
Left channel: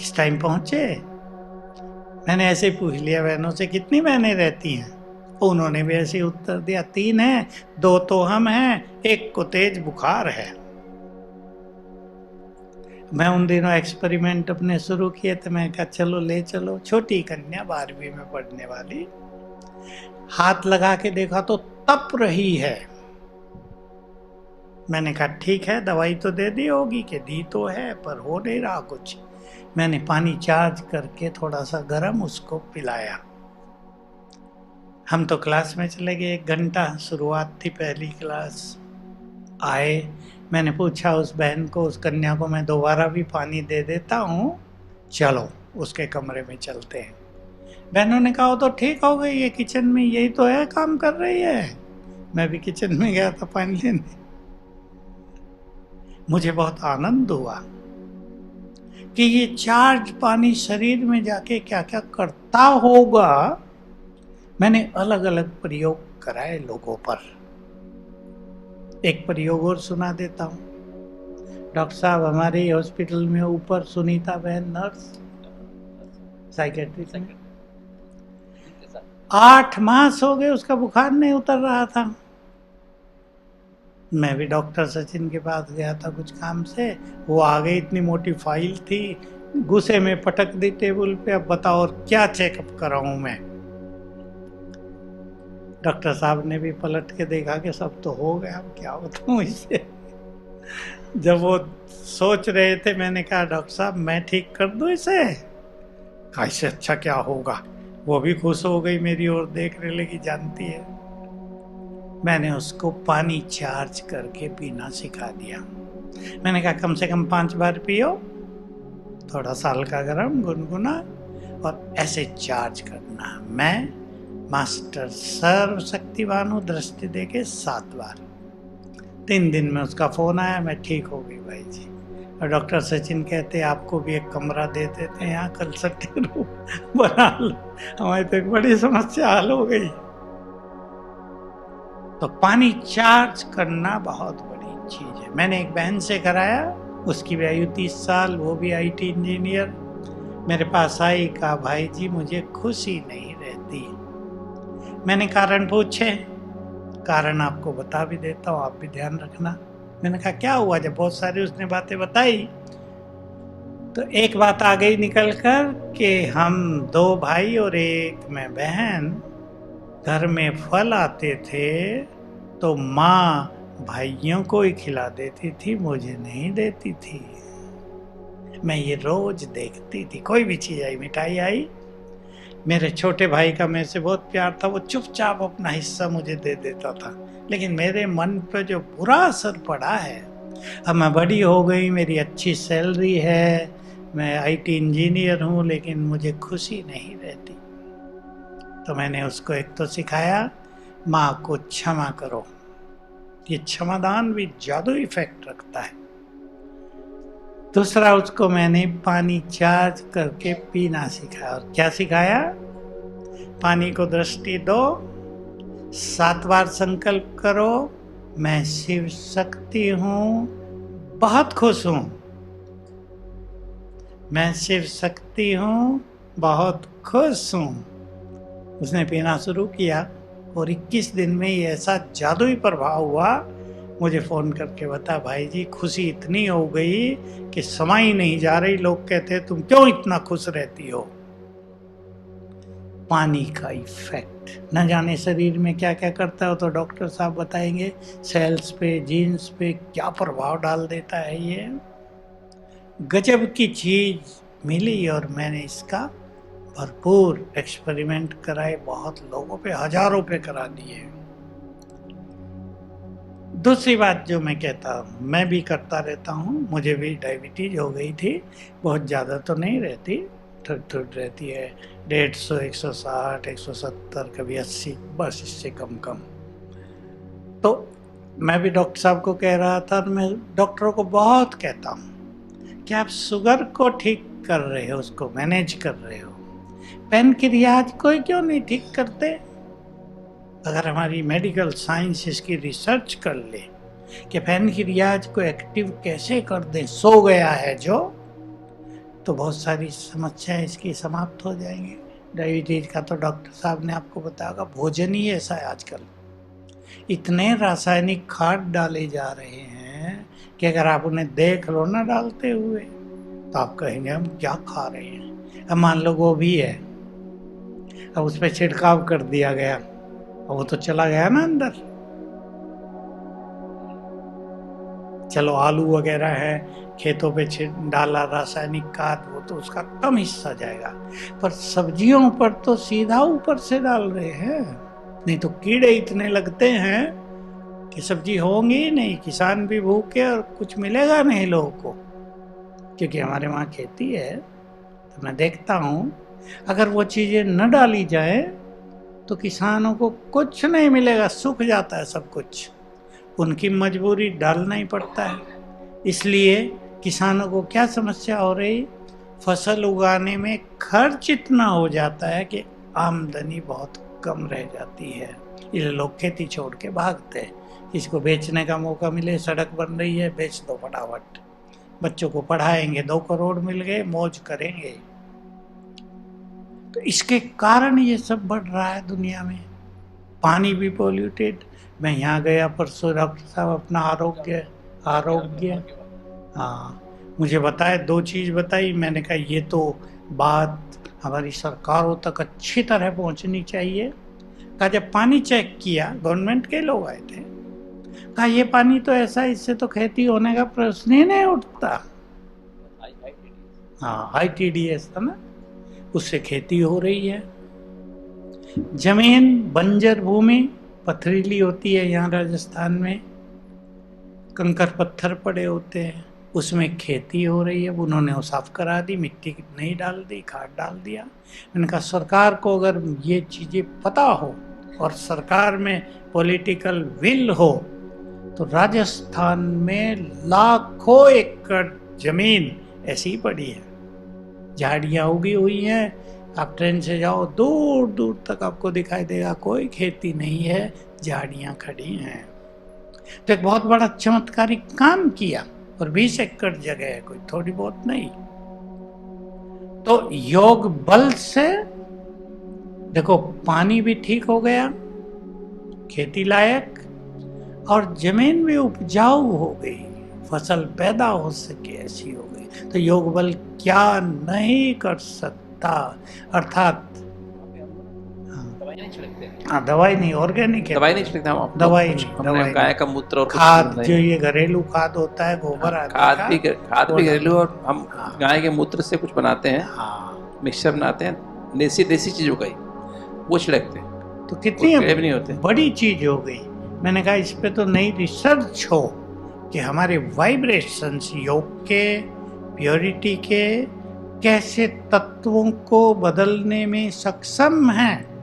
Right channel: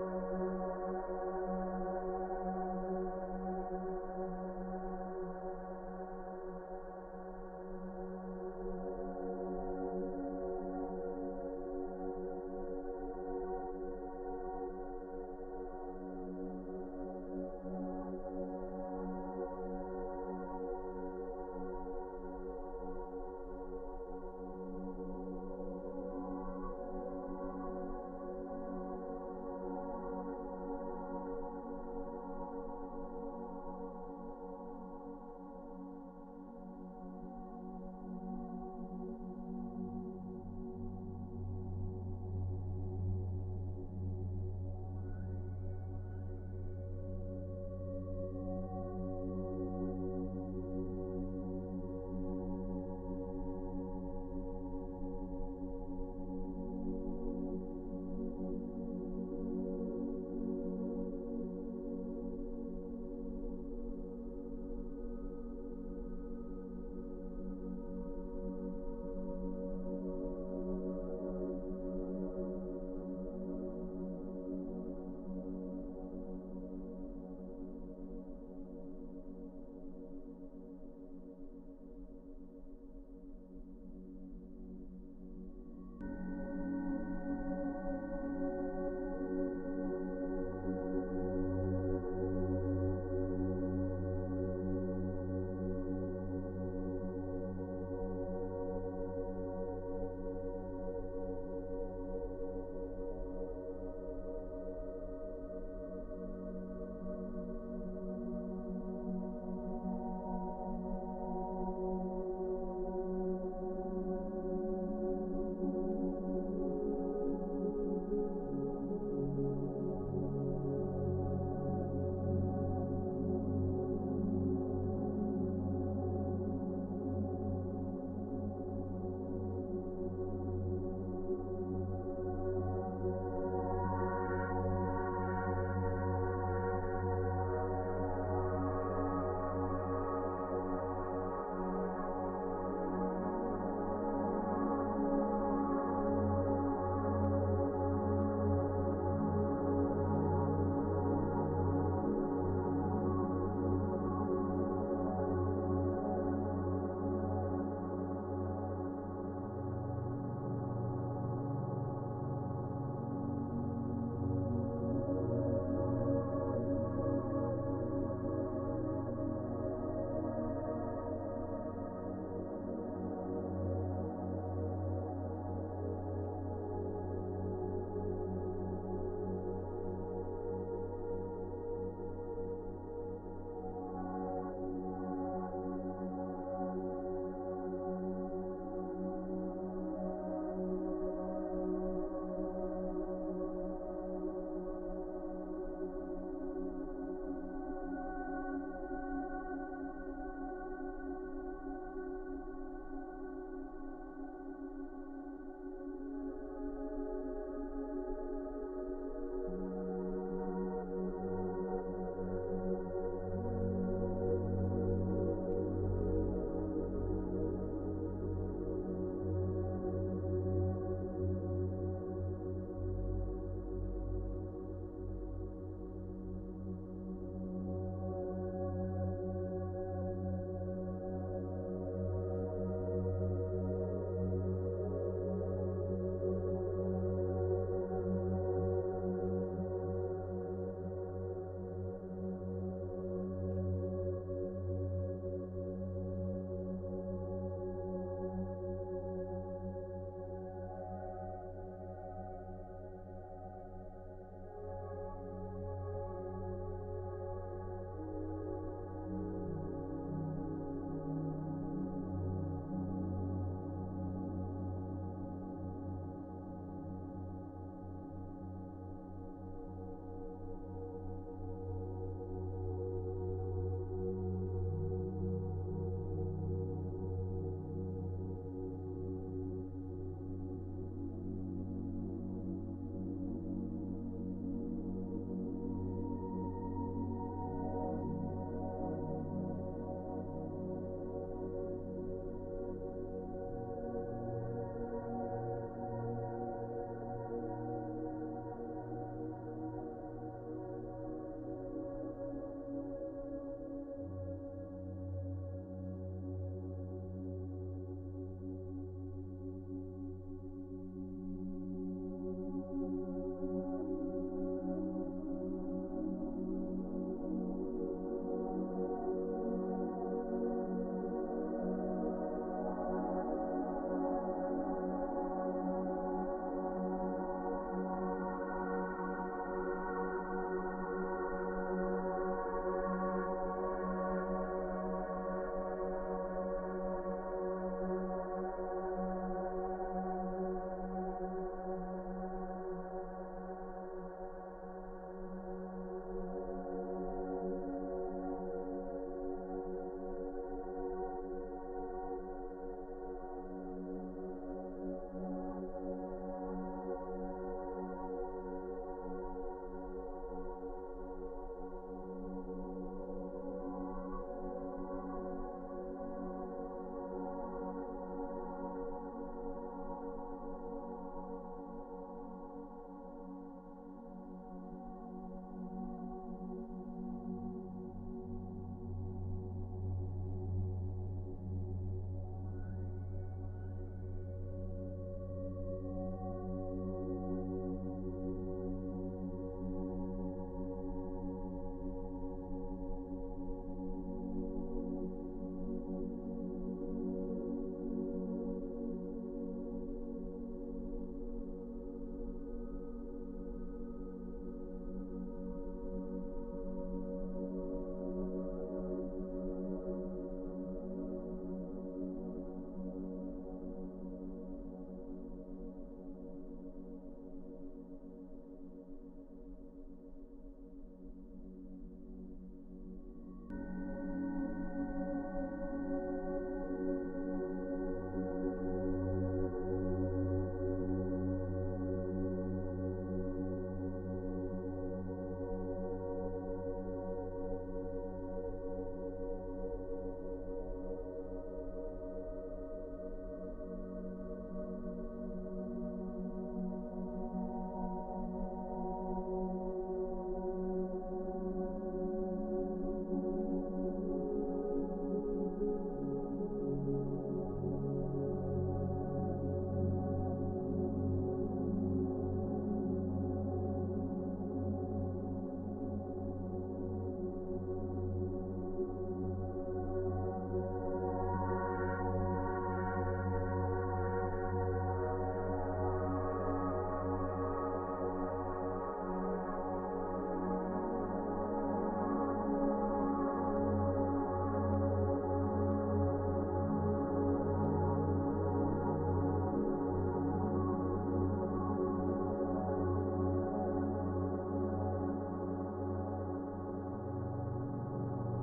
इस टाइम पहुंचे। मैंने ऐसे पूछ लिया बहनों से, कितनी बहनें रहती हैं? उन्होंने भी ऐसे उत्तर दिया, 3 हैं, 2 तो हम हैं, 1 को तेज बुखार है। मैं उन दिनों एक्सपेरिमेंट अपने शुरू किए थे। मैं कहा चलो ले चलो, छोटी कन्या 12वीं में पढ़ने वाली, हाथ लगा के देखा तो तप रही है। मैंने कहा ठीक है, दवाई तो दे दी होगी, कि दी तो है पर हो नहीं रहा कुछ। मैंने पानी चार्ज करके थोड़ा सा गर्म उसको पिलाया। हम तो क्लास में चले गए, 1 घंटा शुरुआत थी, पहली क्लास। आए, मैंने पूछा उस बहन को, उस कन्या को, मैं दोबारा भी पानी दे देता हूँ, चलो उसके कमरे में चलते हैं। बहनों ने कहा तो ठीक हो गई, ये किचन में यही तो है, काम कर रही है। मैं भी किचन में गया था पानी लेने। मुझे बहुत आनंद हुआ कि ये चार्ज पानी शरीर में जाके क्या क्या करता होगा। मैंने अलग अलग प्रयोग कराए लोगों पर। एक प्रयोग और सुना देता हूँ। डॉक्टर साहब, हमारे हॉस्पिटल में ऊपर सुनीता बहन नर्स, साइकेट्रिस्ट, 8 मास हो गए उसका बुखार नहीं उतर रहा था। मैं भी डॉक्टर सचिन के पास गया था कुछ काम से, वो आ गई, इतनी मोटी फाइल थी, गुस्से में पटक दी टेबल पे। अब बताओ और क्या चेकअप कराऊं मैं? डॉक्टर साहब ने भी पलट के देखा कि सब तो हो गया, अब क्या बताऊं इसे। जब वो सोच रहे थे, मैंने कहा डॉक्टर साहब मैं ठीक कर दूं इसे? कैसे, अच्छा क्या होगा? वो भी खुश हो गई, मेरी ओर देखने लगी, जानती है। मैंने उसको पानी चार्ज करके पीना सिखा दिया। मैंने कहा कम से कम 5 बार पियो, थोड़ा सा हल्का गरम गुनगुना, और ऐसे चार्ज करना। मैं मास्टर सर्वशक्तिवान हूँ, दृष्टि दे के 7 बार। 3 दिन में उसका फोन आया, मैं ठीक हो गई भाई जी। और डॉक्टर सचिन कहते आपको भी एक कमरा दे देते हैं, यहाँ कंसल्टिंग रूम बना लो। हमारी तो एक बड़ी समस्या हल हो गई। तो पानी चार्ज करना बहुत बड़ी चीज है। मैंने एक बहन से कराया, उसकी भी आयु 30 साल, वो भी IT इंजीनियर। मेरे पास आई, कहा भाई जी मुझे खुशी नहीं रहती। मैंने कारण पूछे, कारण आपको बता भी देता हूँ, आप भी ध्यान रखना। मैंने कहा क्या हुआ? जब बहुत सारी उसने बातें बताई तो एक बात आ गई निकल कर कि हम 2 भाई और 1 मैं बहन, घर में फल आते थे तो माँ भाइयों को ही खिला देती थी, मुझे नहीं देती थी। मैं ये रोज देखती थी। कोई भी चीज आई, मिठाई आई, मेरे छोटे भाई का मेरे से बहुत प्यार था, वो चुपचाप अपना हिस्सा मुझे दे देता था। लेकिन मेरे मन पर जो बुरा असर पड़ा है, अब मैं बड़ी हो गई, मेरी अच्छी सैलरी है, मैं IT इंजीनियर हूँ, लेकिन मुझे खुशी नहीं रहती। तो मैंने उसको एक तो सिखाया, माँ को क्षमा करो। ये क्षमादान भी जादू इफेक्ट रखता है। दूसरा, उसको मैंने पानी चार्ज करके पीना सिखाया। और क्या सिखाया? पानी को दृष्टि दो, 7 बार संकल्प करो, मैं शिव शक्ति हूँ, बहुत खुश हूँ। मैं शिव शक्ति हूँ, बहुत खुश हूँ। उसने पीना शुरू किया और 21 दिन में ही ऐसा जादुई प्रभाव हुआ, मुझे फ़ोन करके बता भाई जी खुशी इतनी हो गई कि समा ही नहीं जा रही। लोग कहते तुम क्यों इतना खुश रहती हो? पानी का इफेक्ट न जाने शरीर में क्या क्या करता है, तो डॉक्टर साहब बताएंगे। सेल्स पे, जीन्स पे क्या प्रभाव डाल देता है। ये गजब की चीज मिली और मैंने इसका भरपूर एक्सपेरिमेंट कराए, बहुत लोगों पे, हजारों पे करा दिए। दूसरी बात जो मैं कहता हूँ, मैं भी करता रहता हूँ, मुझे भी डायबिटीज हो गई थी, बहुत ज़्यादा तो नहीं रहती, थोड़ी थोड़ी रहती है, 150, 160, 170, कभी 80, बस इससे कम कम। तो मैं भी डॉक्टर साहब को कह रहा था, और मैं डॉक्टरों को बहुत कहता हूँ कि आप शुगर को ठीक कर रहे हो, उसको मैनेज कर रहे हो, पैनक्रियाज को क्यों नहीं ठीक करते? अगर हमारी मेडिकल साइंस इसकी रिसर्च कर ले कि पैनक्रियाज को एक्टिव कैसे कर दें, सो गया है जो, तो बहुत सारी समस्याएं इसकी समाप्त हो जाएंगी। डायबिटीज का तो डॉक्टर साहब ने आपको बताया, भोजन ही ऐसा है आजकल, इतने रासायनिक खाद डाले जा रहे हैं कि अगर आप उन्हें देख लो ना डालते हुए, तो आप कहेंगे हम क्या खा रहे हैं। अब मान लो गोभी है, अब उस पर छिड़काव कर दिया गया, वो तो चला गया ना अंदर। चलो आलू वगैरह है, खेतों पे डाला रासायनिक खाद, वो तो उसका कम हिस्सा जाएगा, पर सब्जियों पर तो सीधा ऊपर से डाल रहे हैं, नहीं तो कीड़े इतने लगते हैं कि सब्जी होंगी ही नहीं, किसान भी भूखे और कुछ मिलेगा नहीं लोगों को। क्योंकि हमारे वहाँ खेती है, तो मैं देखता हूँ अगर वो चीजें न डाली जाए तो किसानों को कुछ नहीं मिलेगा, सूख जाता है सब कुछ, उनकी मजबूरी डालना ही पड़ता है। इसलिए किसानों को क्या समस्या हो रही, फसल उगाने में खर्च इतना हो जाता है कि आमदनी बहुत कम रह जाती है। ये लोग खेती छोड़ के भागते हैं, इसको बेचने का मौका मिले, सड़क बन रही है, बेच दो फटाफट, बच्चों को पढ़ाएंगे, 2 करोड़ मिल गए, मौज करेंगे। तो इसके कारण ये सब बढ़ रहा है दुनिया में। पानी भी पॉल्यूटेड। मैं यहाँ गया परसों, डॉक्टर साहब अपना आरोग्य हाँ मुझे बताए, 2 चीज़ बताई, मैंने कहा ये तो बात हमारी सरकारों तक अच्छी तरह पहुँचनी चाहिए। कहा जब पानी चेक किया, गवर्नमेंट के लोग आए थे, कहा ये पानी तो ऐसा, इससे तो खेती होने का प्रश्न ही नहीं उठता। हाँ ITDS था ना, उससे खेती हो रही है। जमीन बंजर भूमि पथरीली होती है, यहाँ राजस्थान में कंकर पत्थर पड़े होते हैं, उसमें खेती हो रही है। उन्होंने वो साफ करा दी, मिट्टी नहीं डाल दी, खाद डाल दिया। मैंने कहा सरकार को अगर ये चीजें पता हो और सरकार में पॉलिटिकल विल हो, तो राजस्थान में लाखों एकड़ जमीन ऐसी ही पड़ी है, झाड़ियाँ उगी हुई हैं, आप ट्रेन से जाओ दूर दूर तक आपको दिखाई देगा, कोई खेती नहीं है, झाड़ियाँ खड़ी हैं। तो एक बहुत बड़ा चमत्कारिक काम किया, और 20 एकड़ जगह है, कोई थोड़ी बहुत नहीं। तो योग बल से देखो, पानी भी ठीक हो गया, खेती लायक, और जमीन भी उपजाऊ हो गई, फसल पैदा हो सके ऐसी हो गई। तो योग बल क्या नहीं कर सकता। अर्थात हाँ, दवाई नहीं, ऑर्गेनिक है, दवाई नहीं छिड़कते हम, दवाई कुछ नहीं, हमने दवाई गाय नहीं। का मूत्र और खाद जो ये घरेलू खाद होता है, गोबर आदि खाद का, भी घरेलू, और हम हाँ। गाय के मूत्र से कुछ बनाते हैं, हाँ, मिक्सचर बनाते हैं, देसी चीजों का ही वो छिड़कते हैं, तो कितनी भी नहीं होते। बड़ी चीज हो गई। मैंने कहा इस पे तो नई रिसर्च हो कि हमारे वाइब्रेशंस योग के, प्योरिटी के, कैसे तत्वों को बदलने में सक्षम हैं।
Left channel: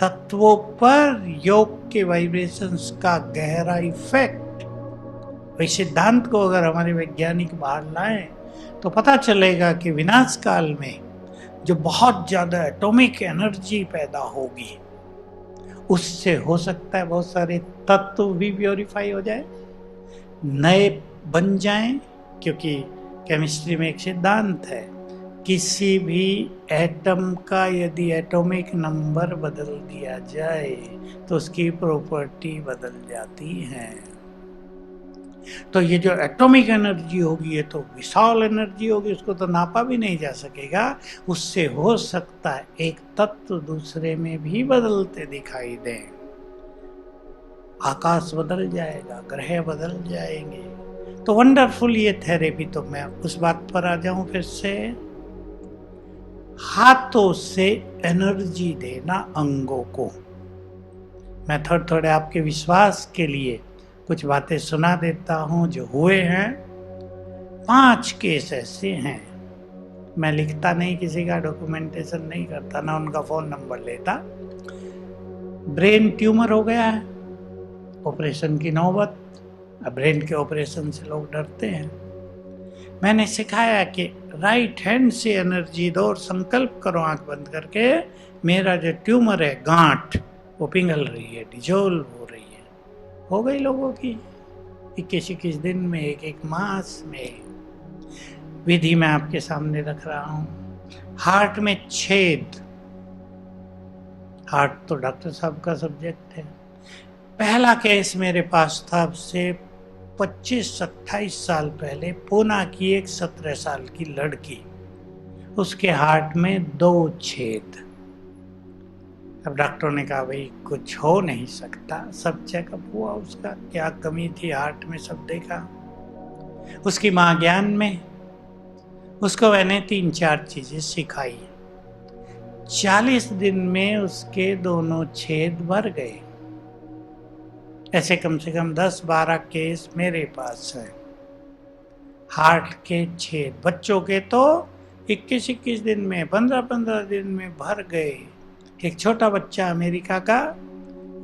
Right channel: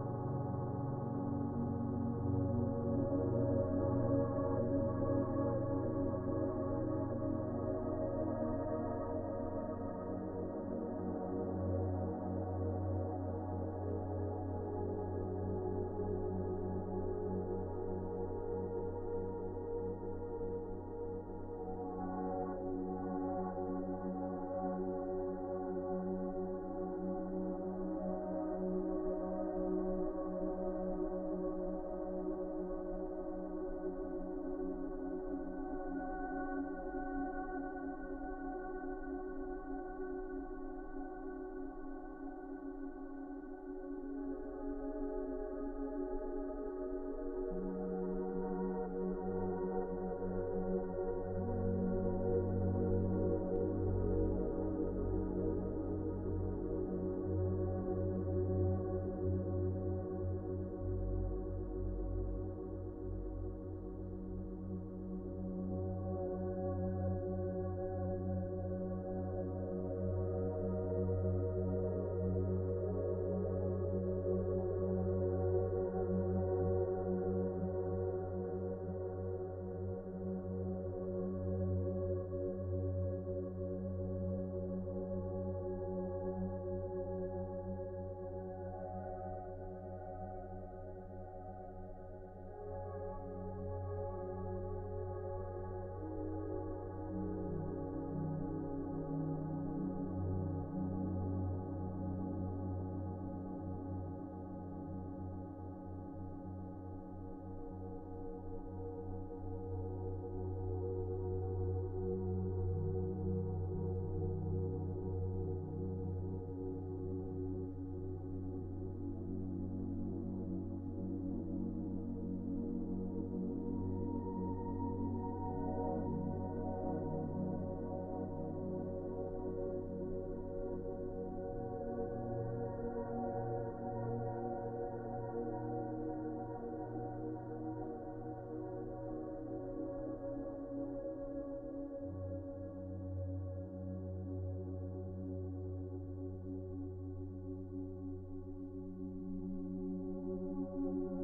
तत्वों पर योग के वाइब्रेशंस का गहरा इफेक्ट। इस सिद्धांत को अगर हमारे वैज्ञानिक बाहर लाएं तो पता चलेगा कि विनाश काल में जो बहुत ज्यादा एटॉमिक एनर्जी पैदा होगी, उससे हो सकता है बहुत सारे तत्व भी प्योरीफाई हो जाए, नए बन जाएं। क्योंकि केमिस्ट्री में एक सिद्धांत है, किसी भी एटम का यदि एटॉमिक नंबर बदल दिया जाए तो उसकी प्रॉपर्टी बदल जाती है। तो ये जो एटॉमिक एनर्जी होगी ये तो विशाल एनर्जी होगी, उसको तो नापा भी नहीं जा सकेगा। उससे हो सकता है एक तत्व दूसरे में भी बदलते दिखाई दें, आकाश बदल जाएगा, ग्रह बदल जाएंगे। तो वंडरफुल ये थेरेपी। तो मैं उस बात पर आ जाऊं फिर से, हाथों से एनर्जी देना अंगों को। मैं थोड़े थोड़े आपके विश्वास के लिए कुछ बातें सुना देता हूं जो हुए हैं। 5 केस ऐसे हैं, मैं लिखता नहीं, किसी का डॉक्यूमेंटेशन नहीं करता, ना उनका फोन नंबर लेता। ब्रेन ट्यूमर हो गया है, ऑपरेशन की नौबत। अब ब्रेन के ऑपरेशन से लोग डरते हैं। मैंने सिखाया कि राइट हैंड से एनर्जी दो और संकल्प करो आंख बंद करके, मेरा जो ट्यूमर है, गांठ, वो पिघल रही है, डिजोल्व हो रही है। हो गई लोगों की 21-21 दिन में, एक मास में। विधि मैं आपके सामने रख रहा हूँ। हार्ट में छेद, हार्ट तो डॉक्टर साहब का सब्जेक्ट है। पहला केस मेरे पास था अब से 25-28 साल पहले। पूना की एक 17 साल की लड़की, उसके हार्ट में 2 छेद। अब डॉक्टर ने कहा भाई कुछ हो नहीं सकता, सब चेकअप हुआ, उसका क्या कमी थी हार्ट में सब देखा। उसकी माँ ज्ञान में, उसको मैंने 3-4 चीजें सिखाई। 40 दिन में उसके दोनों छेद भर गए। ऐसे कम से कम 10-12 केस मेरे पास है हार्ट के छेद। बच्चों के तो 21-21 दिन में, 15-15 दिन में भर गए। एक छोटा बच्चा अमेरिका का,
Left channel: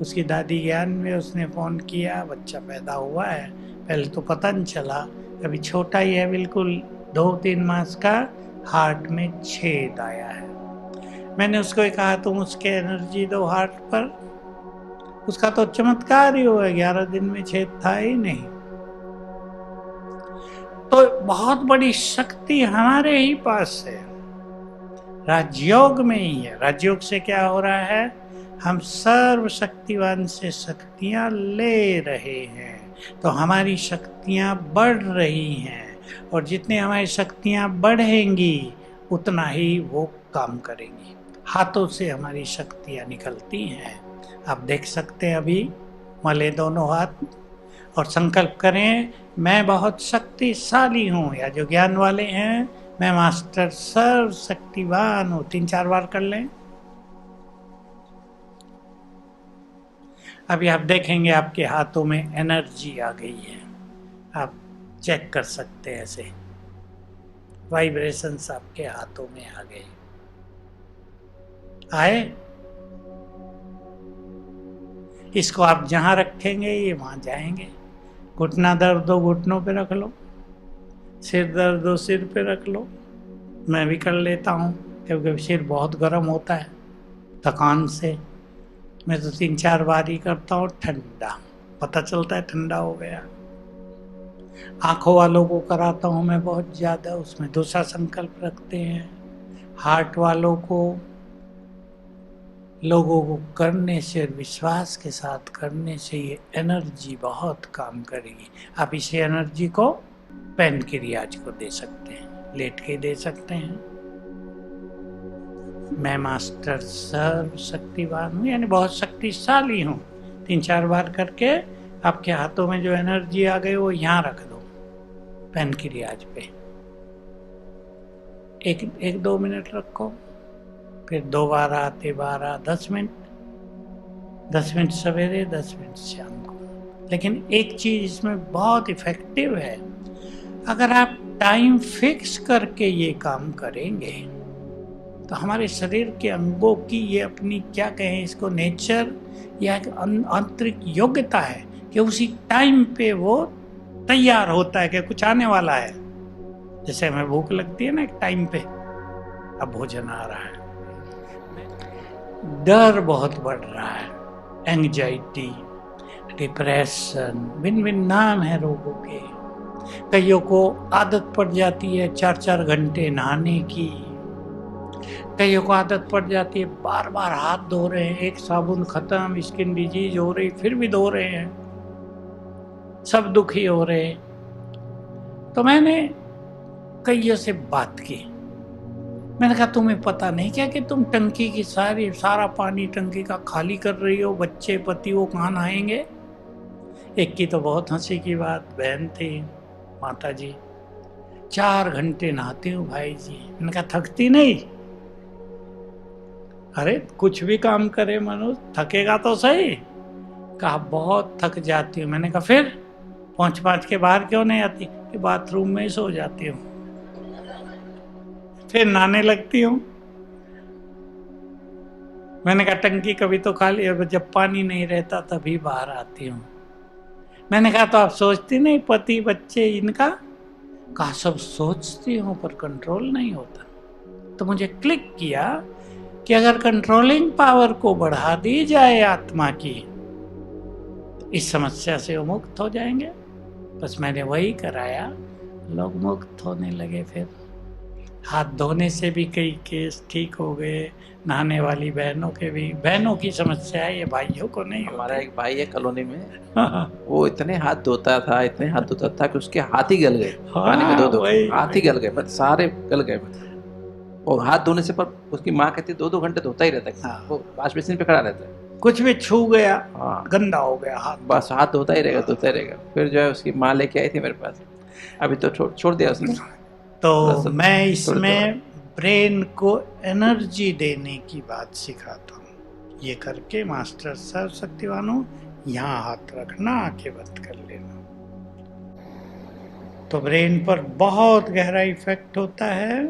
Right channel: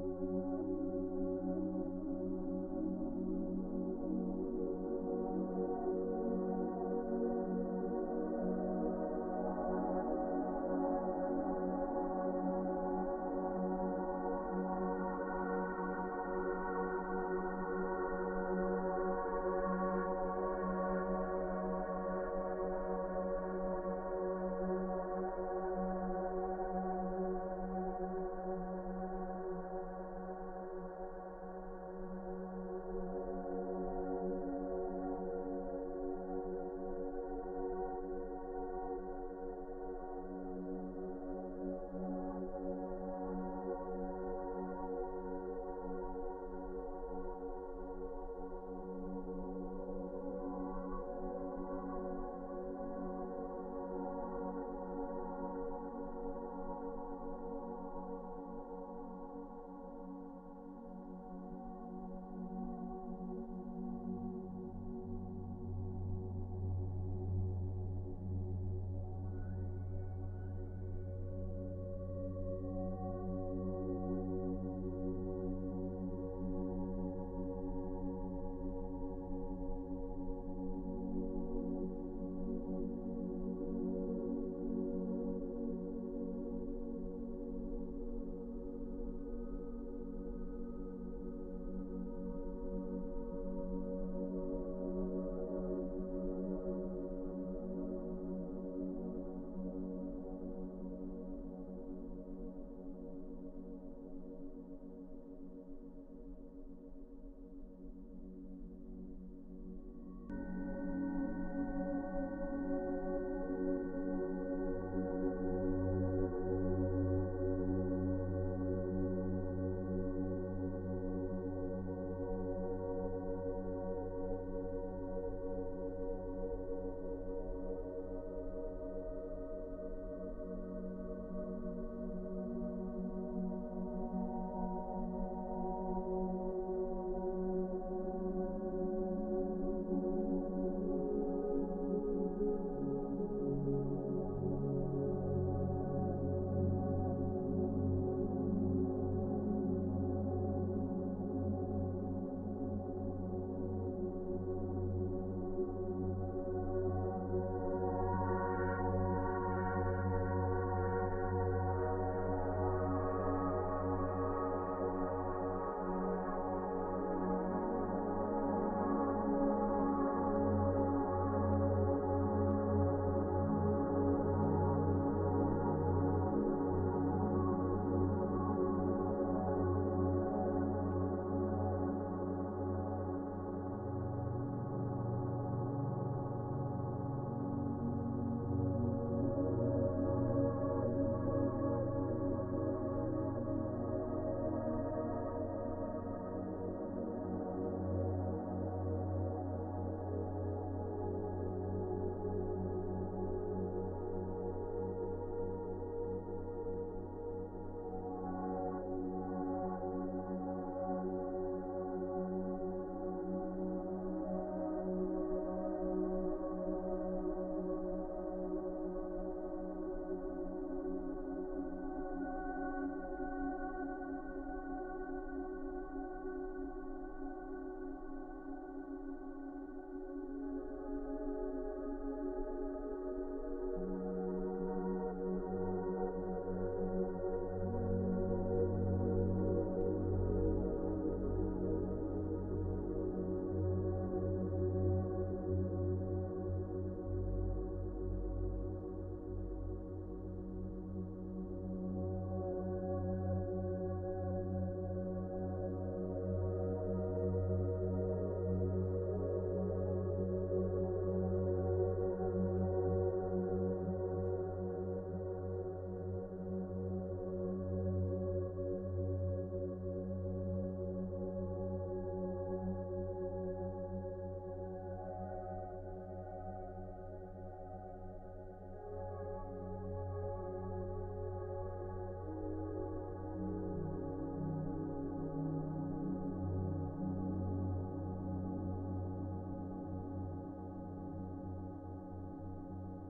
उसकी दादी ज्ञान में, उसने फोन किया, बच्चा पैदा हुआ है, पहले तो पता नहीं चला, अभी छोटा ही है बिल्कुल, 2-3 मास का, हार्ट में छेद आया है। मैंने उसको कहा तुम उसके एनर्जी दो हार्ट पर, उसका तो चमत्कार ही हुआ, 11 दिन में छेद था ही नहीं। तो बहुत बड़ी शक्ति हमारे ही पास है, राजयोग में ही है। राजयोग से क्या हो रहा है, हम सर्वशक्तिवान से शक्तियां ले रहे हैं, तो हमारी शक्तियां बढ़ रही हैं, और जितनी हमारी शक्तियां बढ़ेंगी उतना ही वो काम करेंगी। हाथों से हमारी शक्तियां निकलती हैं। आप देख सकते हैं, अभी मले दोनों हाथ और संकल्प करें, मैं बहुत शक्तिशाली हूँ, या जो ज्ञान वाले हैं, मैं मास्टर सर्व शक्तिवान हूँ। 3-4 बार कर लें। अभी आप देखेंगे आपके हाथों में एनर्जी आ गई है, आप चेक कर सकते हैं, ऐसे वाइब्रेशंस आपके हाथों में आ गए। आए, इसको आप जहां रखेंगे ये वहां जाएंगे। घुटना दर्द हो घुटनों पे रख लो, सिर दर्द हो सिर पे रख लो। मैं भी कर लेता हूँ क्योंकि सिर बहुत गर्म होता है थकान से। मैं तो 3-4 बार ही करता हूँ। ठंडा पता चलता है ठंडा हो गया। आंखों वालों को कराता हूँ मैं बहुत ज़्यादा, उसमें दूसरा संकल्प रखते हैं। हार्ट वालों को, लोगों को करने से और विश्वास के साथ करने से ये एनर्जी बहुत काम करेगी। आप इसी एनर्जी को पेन के रियाज को दे सकते हैं, लेट के दे सकते हैं। मैं मास्टर सर्व शक्तिवान हूँ, यानी बहुत शक्तिशाली हूँ। 3-4 बार करके आपके हाथों में जो एनर्जी आ गई वो यहाँ रख दो, पेन की रियाज पे। 1-2 मिनट रखो, फिर 2 बार आते 12, 10 मिनट, 10 मिनट सवेरे, 10 मिनट शाम को। लेकिन एक चीज इसमें बहुत इफेक्टिव है, अगर आप टाइम फिक्स करके ये काम करेंगे तो हमारे शरीर के अंगों की ये अपनी, क्या कहें इसको, नेचर या आंतरिक योग्यता है कि उसी टाइम पे वो तैयार होता है कि कुछ आने वाला है। जैसे हमें भूख लगती है ना एक टाइम पे, अब भोजन आ रहा है। डर बहुत बढ़ रहा है, एंग्जाइटी, डिप्रेशन, भिन्न भिन्न नाम है रोगों के। कईयों को आदत पड़ जाती है 4-4 घंटे नहाने की, कईयों को आदत पड़ जाती है बार बार हाथ धो रहे हैं, एक साबुन खत्म, स्किन डिजीज हो रही, फिर भी धो रहे हैं। सब दुखी हो रहे। तो मैंने कईयों से बात की। मैंने कहा तुम्हें पता नहीं क्या कि तुम टंकी की सारा पानी टंकी का खाली कर रही हो, बच्चे पति वो कहाँ नहाएंगे। एक की तो बहुत हंसी की बात, बहन थी, माता जी, 4 घंटे नहाती हूँ भाई जी। मैंने कहा थकती नहीं? अरे कुछ भी काम करे मनुष्य थकेगा तो सही। कहा बहुत थक जाती हूँ। मैंने कहा फिर पहुंच के बाहर क्यों नहीं आती? कि बाथरूम में ही सो जाती हूँ, फिर नहाने लगती हूँ। मैंने कहा टंकी कभी तो खाली है, जब पानी नहीं रहता तभी बाहर आती हूँ। मैंने कहा तो आप सोचती नहीं पति बच्चे इनका? कहा सब सोचती हूँ पर कंट्रोल नहीं होता। तो मुझे क्लिक किया कि अगर कंट्रोलिंग पावर को बढ़ा दी जाए आत्मा की, इस समस्या से वो मुक्त हो जाएंगे। बस मैंने वही कराया, लोग मुक्त होने लगे। फिर हाथ धोने से भी कई केस ठीक हो गए, नहाने वाली बहनों के भी। बहनों की समस्या है, ये भाइयों को नहीं हमारा होती। एक भाई है कॉलोनी में, हाँ वो इतने हाथ धोता था कि उसके हाथ ही गल गए पानी में दो वही हाथ ही गल गए, मतलब सारे गल गए। और हाथ धोने से पर उसकी माँ कहती है 2-2 घंटे धोता ही रहता है, हाँ। वो वॉश बेसिन पे खड़ा रहता है। कुछ भी छू गया हाँ, गंदा हो गया हाथ, बस हाथ धोता ही रहेगा। फिर जो है उसकी माँ लेके आई थी मेरे पास, अभी तो छोड़ दिया उसने। तो बस मैं थोड़े इसमें ब्रेन को एनर्जी देने की बात सिखाता हूँ। ये करके मास्टर सर्वशक्तिवानों, यहाँ हाथ रखना, आंखें बंद कर लेना। तो ब्रेन पर बहुत गहरा इफेक्ट होता है,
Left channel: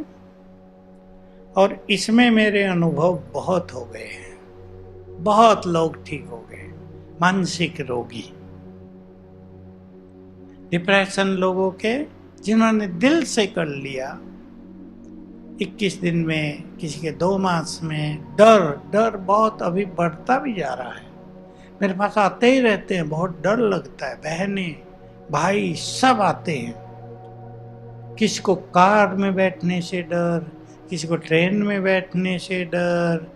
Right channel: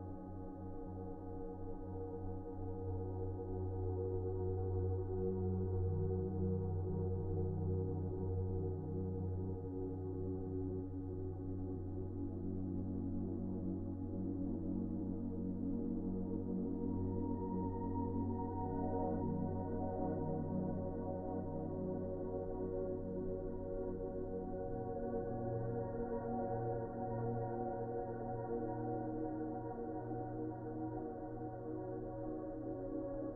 और इसमें मेरे अनुभव बहुत हो गए हैं। बहुत लोग ठीक हो गए, मानसिक रोगी, डिप्रेशन लोगों के, जिन्होंने दिल से कर लिया। 21 दिन में, किसी के 2 मास में। डर बहुत अभी बढ़ता भी जा रहा है। मेरे पास आते ही रहते हैं, बहुत डर लगता है। बहनें भाई सब आते हैं। किसी को कार में बैठने से डर, किसी को ट्रेन में बैठने से डर।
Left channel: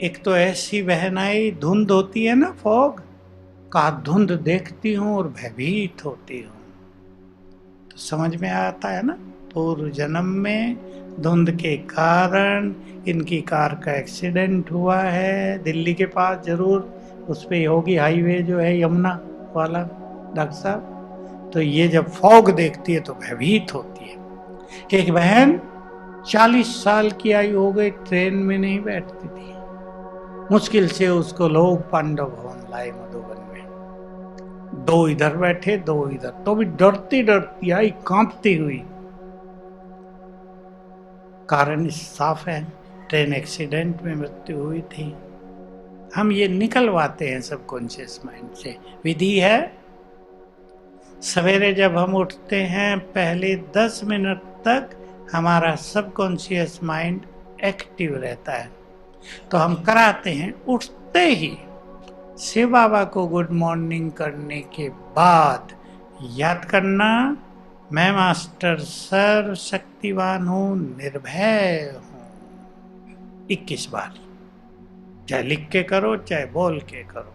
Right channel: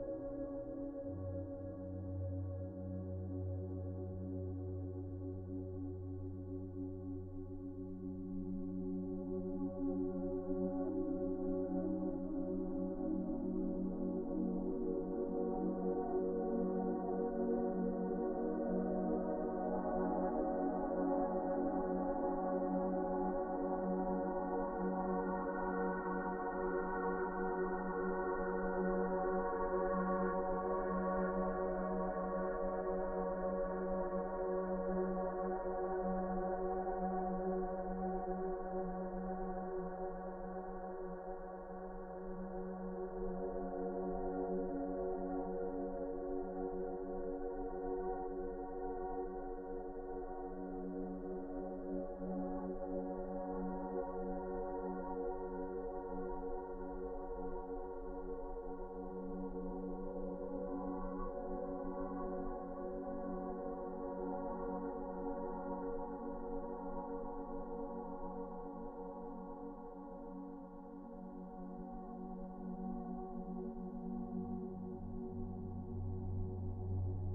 एक तो ऐसी बहन आई, धुंध होती है ना, फॉग का, धुंध देखती हूँ और भयभीत होती हूँ। तो समझ में आता है ना, पूर्व जन्म में धुंध के कारण इनकी कार का एक्सीडेंट हुआ है दिल्ली के पास, जरूर उस पे होगी हाईवे जो है यमुना वाला, डॉक्टर साहब। तो ये जब फॉग देखती है तो भयभीत होती है। कि एक बहन 40 साल की आयु हो गई, ट्रेन में नहीं बैठती थी। मुश्किल से उसको लोग पांडव भवन लाए मधुबन में। 2 इधर बैठे, 2 इधर, तो भी डरती आई, कांपती हुई। कारण साफ है, ट्रेन एक्सीडेंट में मृत्यु हुई थी। हम ये निकलवाते हैं सबकॉन्शियस माइंड से। विधि है, सवेरे जब हम उठते हैं पहले 10 मिनट तक हमारा सबकॉन्शियस माइंड एक्टिव रहता है। तो हम कराते हैं, उठते ही शिव बाबा को गुड मॉर्निंग करने के बाद याद करना, मैं मास्टर सर्वशक्तिवान हूँ, निर्भय हूँ। 21 बार, चाहे लिख के करो चाहे बोल के करो।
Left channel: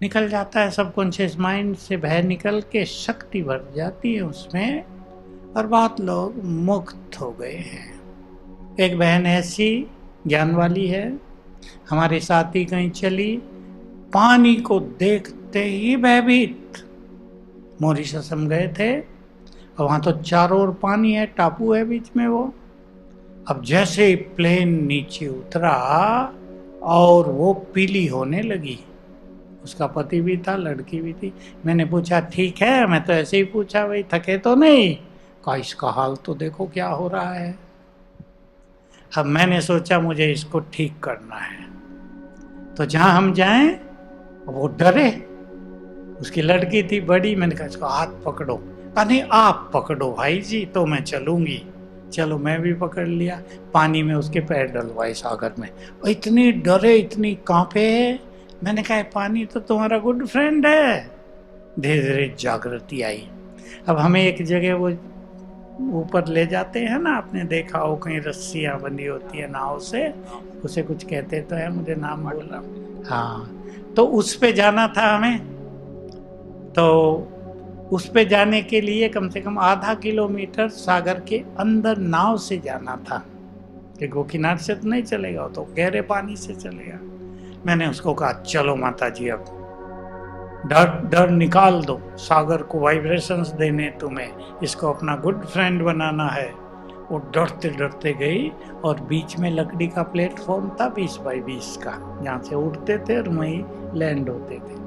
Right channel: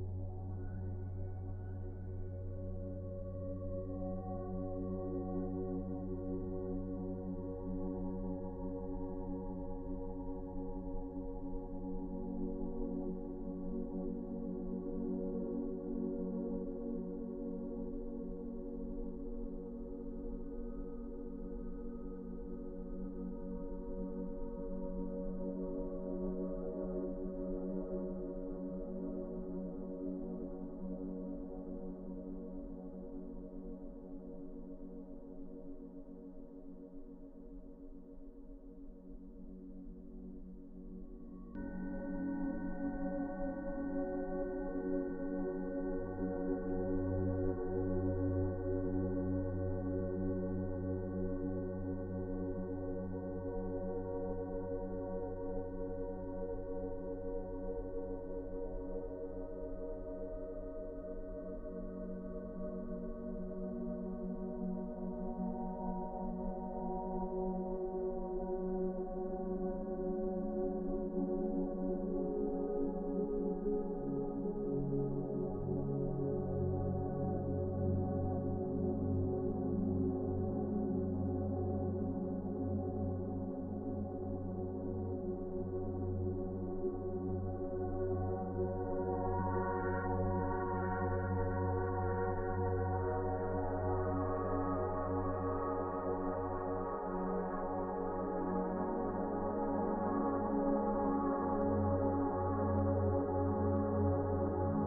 निकल जाता है सबकॉन्शियस माइंड से, भय निकल के शक्ति भर जाती है उसमें, और बहुत लोग मुक्त हो गए हैं। एक बहन ऐसी ज्ञान वाली है, हमारे साथ ही कहीं चली, पानी को देखते ही भयभीत। मॉरिशस हम गए थे, और वहाँ तो चारों ओर पानी है, टापू है बीच में वो। अब जैसे ही प्लेन नीचे उतरा और वो पीली होने लगी, उसका पति भी था, लड़की भी थी। मैंने पूछा ठीक है? मैं तो ऐसे ही पूछा, भाई थके तो नहीं? कहा इसका हाल तो देखो क्या हो रहा है। अब मैंने सोचा मुझे इसको ठीक करना है, तो जहां हम जाएं वो डरे। उसकी लड़की थी बड़ी, मैंने कहा इसको हाथ पकड़ो। कहा नहीं आप पकड़ो भाई जी, तो मैं चलूंगी। चलो मैं भी पकड़ लिया, पानी में उसके पैर डलवाए सागर में। इतनी डरे, इतनी कांपे। मैंने कहा पानी तो तुम्हारा गुड फ्रेंड है। धीरे धीरे जागृति आई। अब हमें एक जगह वो ऊपर ले जाते हैं ना, आपने देखा हो कहीं रस्सियां बंधी होती है नाव से, उसे कुछ कहते तो है, मुझे नाम बोल रहा। हाँ, तो उस पे जाना था हमें। तो उस पे जाने के लिए कम से कम आधा किलोमीटर सागर के अंदर नाव से जाना था, कि गोकीनाथ से तो नहीं चलेगा, तो गहरे पानी से चलेगा। मैंने उसको कहा चलो माता जी, अब डर निकाल दो, सागर को वाइब्रेशंस देने तुम्हें, इसको अपना गुड फ्रेंड बनाना है। वो डरते डरते गई और बीच में लकड़ी का प्लेटफॉर्म था 20 बाई 20 का, जहाँ से उड़ते थे और वहीं लैंड होते थे।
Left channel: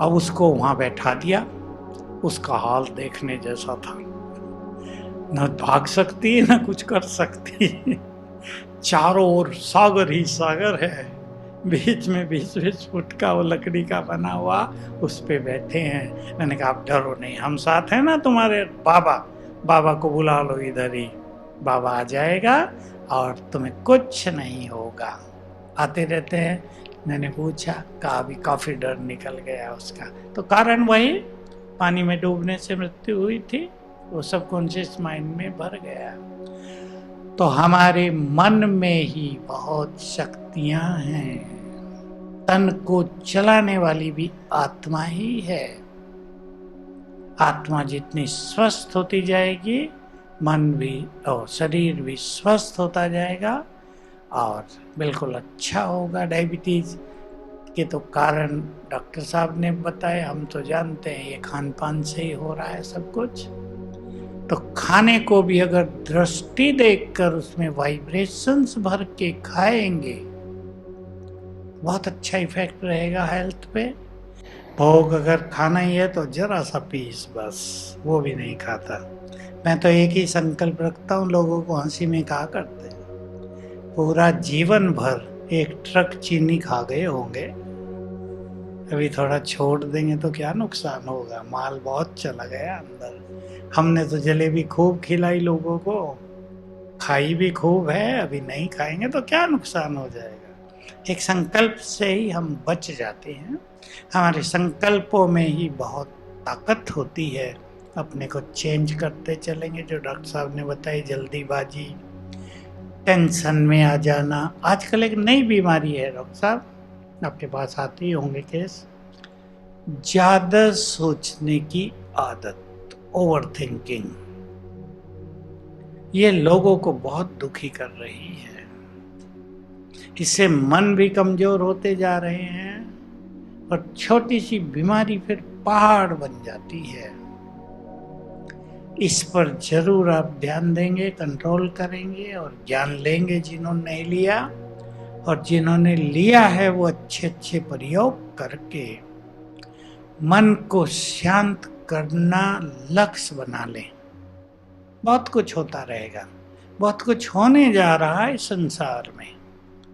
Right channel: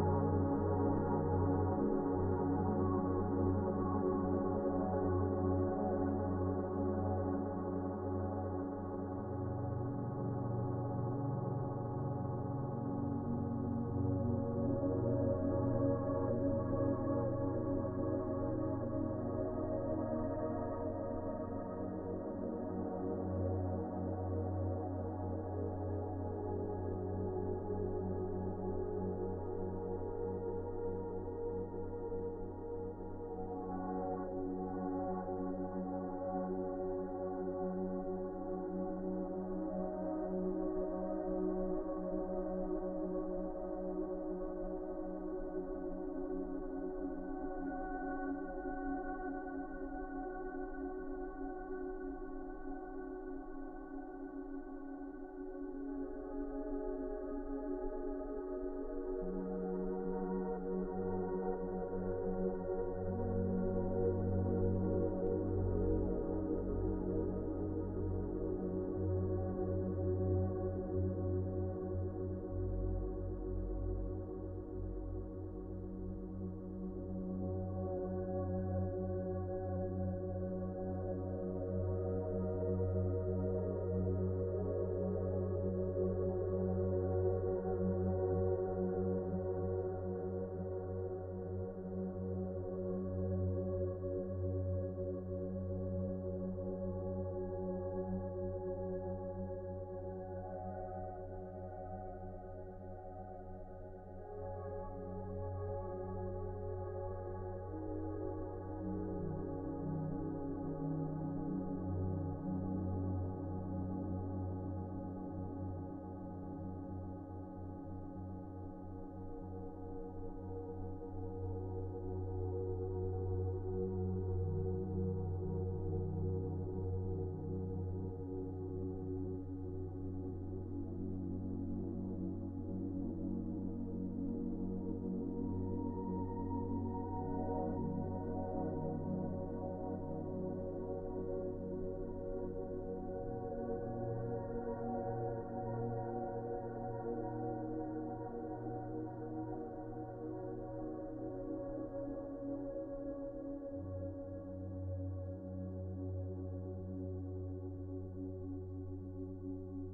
अब उसको वहाँ बैठा दिया। उसका हाल देखने जैसा था, न भाग सकती है न कुछ कर सकती है। चारों ओर सागर ही सागर है, बीच में 20-20 फुट का वो लकड़ी का बना हुआ, उस पे बैठे हैं। मैंने कहा आप डरो नहीं, हम साथ हैं ना तुम्हारे। बाबा को बुला लो इधर ही, बाबा आ जाएगा और तुम्हें कुछ नहीं होगा, आते रहते हैं। मैंने पूछा, कहा अभी काफी डर निकल गया उसका। तो कारण वही, पानी में डूबने से मृत्यु हुई थी, वो सबकॉन्शियस माइंड में भर गया। तो हमारे मन में ही बहुत शक्तियां हैं। तन को चलाने वाली भी आत्मा ही है। आत्मा जितनी स्वस्थ होती जाएगी, मन भी और शरीर भी स्वस्थ होता जाएगा और बिल्कुल अच्छा होगा। डायबिटीज के तो कारण डॉक्टर साहब ने बताए, हम तो जानते हैं ये खान पान से ही हो रहा है सब कुछ। तो खाने को भी अगर दृष्टि देखकर उसमें वाइब्रेशंस भर के खाएंगे, बहुत अच्छा इफेक्ट रहेगा हेल्थ पे। भोग अगर खाना ही है तो जरा सा पीस बस, वो भी नहीं खाता। मैं तो एक ही संकल्प रखता हूँ, लोगों को हंसी में कहा करते हैं, पूरा जीवन भर एक ट्रक चीनी खा गए होंगे, अभी थोड़ा छोड़ देंगे तो क्या नुकसान होगा, माल बहुत चला गया अंदर। हमने तो जलेबी खूब खिलाई लोगों को, खाई भी खूब है, अभी नहीं खाएंगे तो क्या नुकसान हो जाएगा। एक संकल्प से ही हम बच जाते हैं। हमारे संकल्पों में ही बहुत ताकत होती है। अपने को चेंज करते चलेंगे, जो डॉक्टर साहब ने बताई, जल्दीबाजी, टेंशन में आ जाना। आजकल एक नई बीमारी है डॉक्टर साहब, आपके पास आते ही होंगे केस, ज्यादा सोचने की आदत, ओवर थिंकिंग। ये लोगों को बहुत दुखी कर रही है। इससे मन भी कमजोर होते जा रहे हैं और छोटी सी बीमारी फिर पहाड़ बन जाती है। इस पर जरूर आप ध्यान देंगे, कंट्रोल करेंगे और ज्ञान लेंगे जिन्होंने नहीं लिया, और जिन्होंने लिया है वो अच्छे अच्छे प्रयोग करके मन को शांत करना लक्ष्य बना लें। बहुत कुछ होता रहेगा, बहुत कुछ होने जा रहा है संसार में।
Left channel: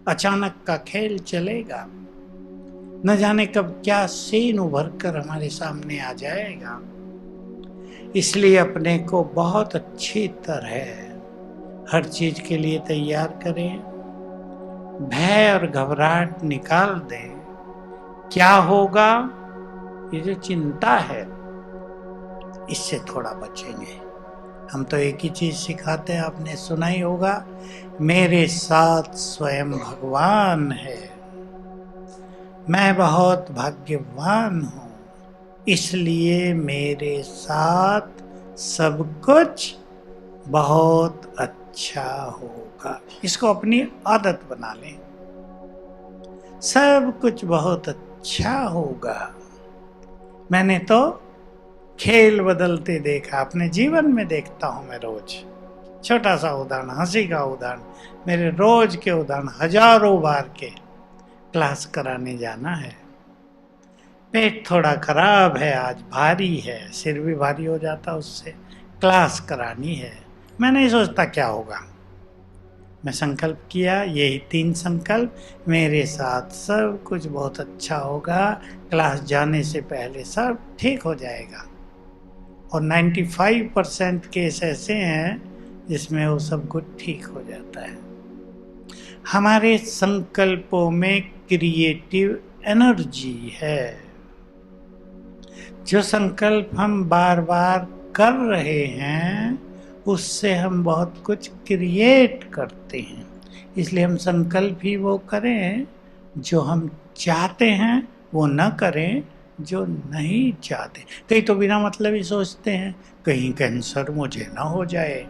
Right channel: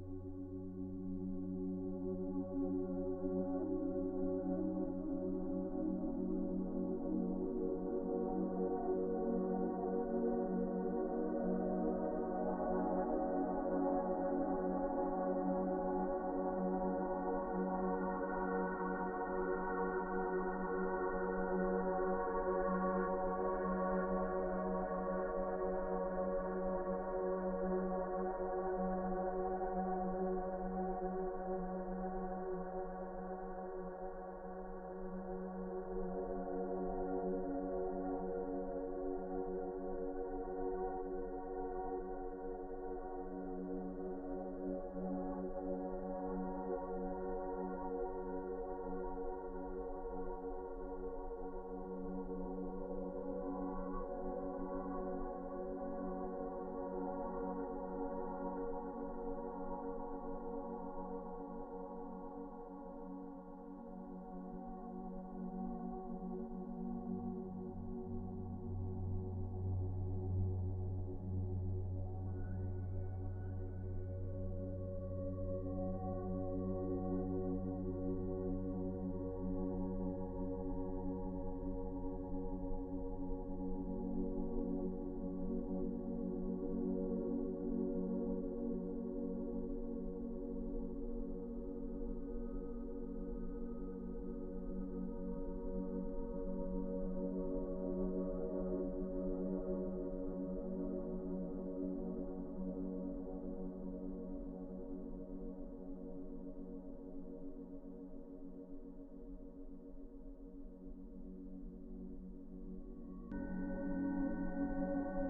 अचानक का खेल चलेगा, न जाने कब क्या सीन उभर कर हमारे सामने आ जाएगा। इसलिए अपने को बहुत अच्छी तरह हर चीज के लिए तैयार करें। भय और घबराहट निकाल दें। क्या होगा, ये जो चिंता है, इससे थोड़ा बचेंगे। हम तो एक ही चीज सिखाते हैं, आपने सुना ही होगा, मेरे साथ स्वयं भगवान है, मैं बहुत भाग्यवान हूँ, इसलिए मेरे साथ सब कुछ बहुत अच्छा होगा। इसको अपनी आदत बना लें, सब कुछ बहुत अच्छा होगा। मैंने तो खेल बदलते देखा, अपने जीवन में देखता हूं मैं रोज। छोटा सा उदाहरण, हंसी का उदाहरण, मेरे रोज के उदाहरण, हजारों बार के। क्लास कराने जाना है, पेट थोड़ा खराब है, आज भारी है, सिर भी भारी हो जाता उससे, क्लास करानी है। मैं नहीं सोचता क्या होगा, मैं संकल्प किया, यही 3 संकल्प, मेरे साथ सब कुछ बहुत अच्छा होगा, क्लास जाने से पहले सब ठीक हो जाएगा। और 95% केस ऐसे हैं जिसमें वो सब कुछ ठीक हो जाता है। हमारे संकल्पों में क्रिएटिव एनर्जी है। जो संकल्प हम बार बार कर रहे हैं, उससे हम बहुत कुछ क्रिएट करते हैं। इसलिए हम संकल्प ही वो करें जो हम चाहते हैं, वो न करें जो नहीं चाहते। कई तो बिना मतलब ही सोचते हैं कहीं कैंसर मुझे ना हो जाए।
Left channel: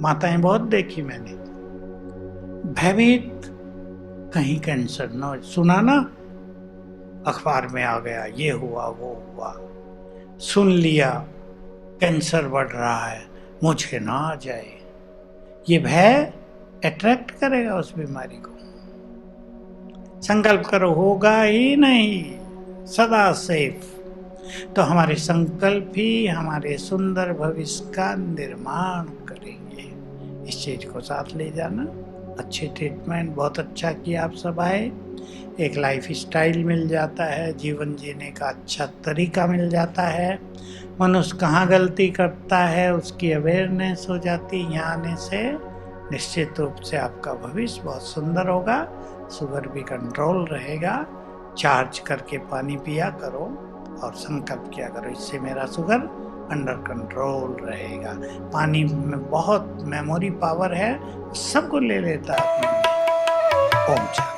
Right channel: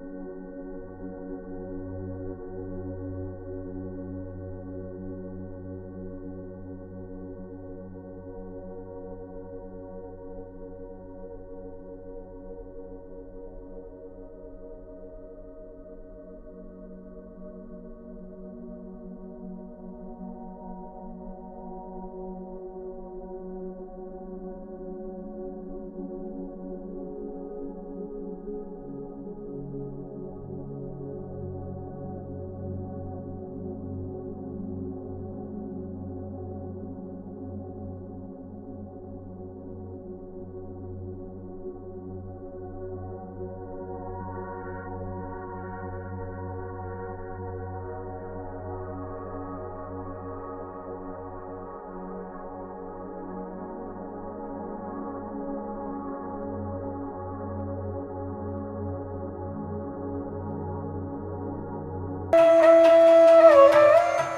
माताएं बहुत देखी मैंने, भयभीत, कहीं कैंसर ना हो। सुना ना, अखबार में आ गया, ये हुआ वो हुआ, सुन लिया कैंसर बढ़ रहा है, मुझे ना आ जाए। ये भय अट्रैक्ट करेगा उस बीमारी को। संकल्प करो, होगा ही नहीं, सदा सेफ। तो हमारे संकल्प ही हमारे सुंदर भविष्य का निर्माण करेंगे। इस चीज को साथ ले जाना। अच्छे ट्रीटमेंट, बहुत अच्छा किया आप सब आए। एक लाइफ स्टाइल मिल जाता है, जीवन जीने का अच्छा तरीका मिल जाता है। मनुष्य कहाँ गलती करता है उसकी अवेयरनेस हो जाती है। यहाँ आने से निश्चित रूप से आपका भविष्य बहुत सुंदर होगा। शुगर भी कंट्रोल रहेगा। चार्ज करके पानी पिया करो और संकल्प किया करो, इससे मेरा शुगर अंडर कंट्रोल रहेगा। पानी में बहुत मेमोरी पावर है, सबको ले लेता है। ओम शांति।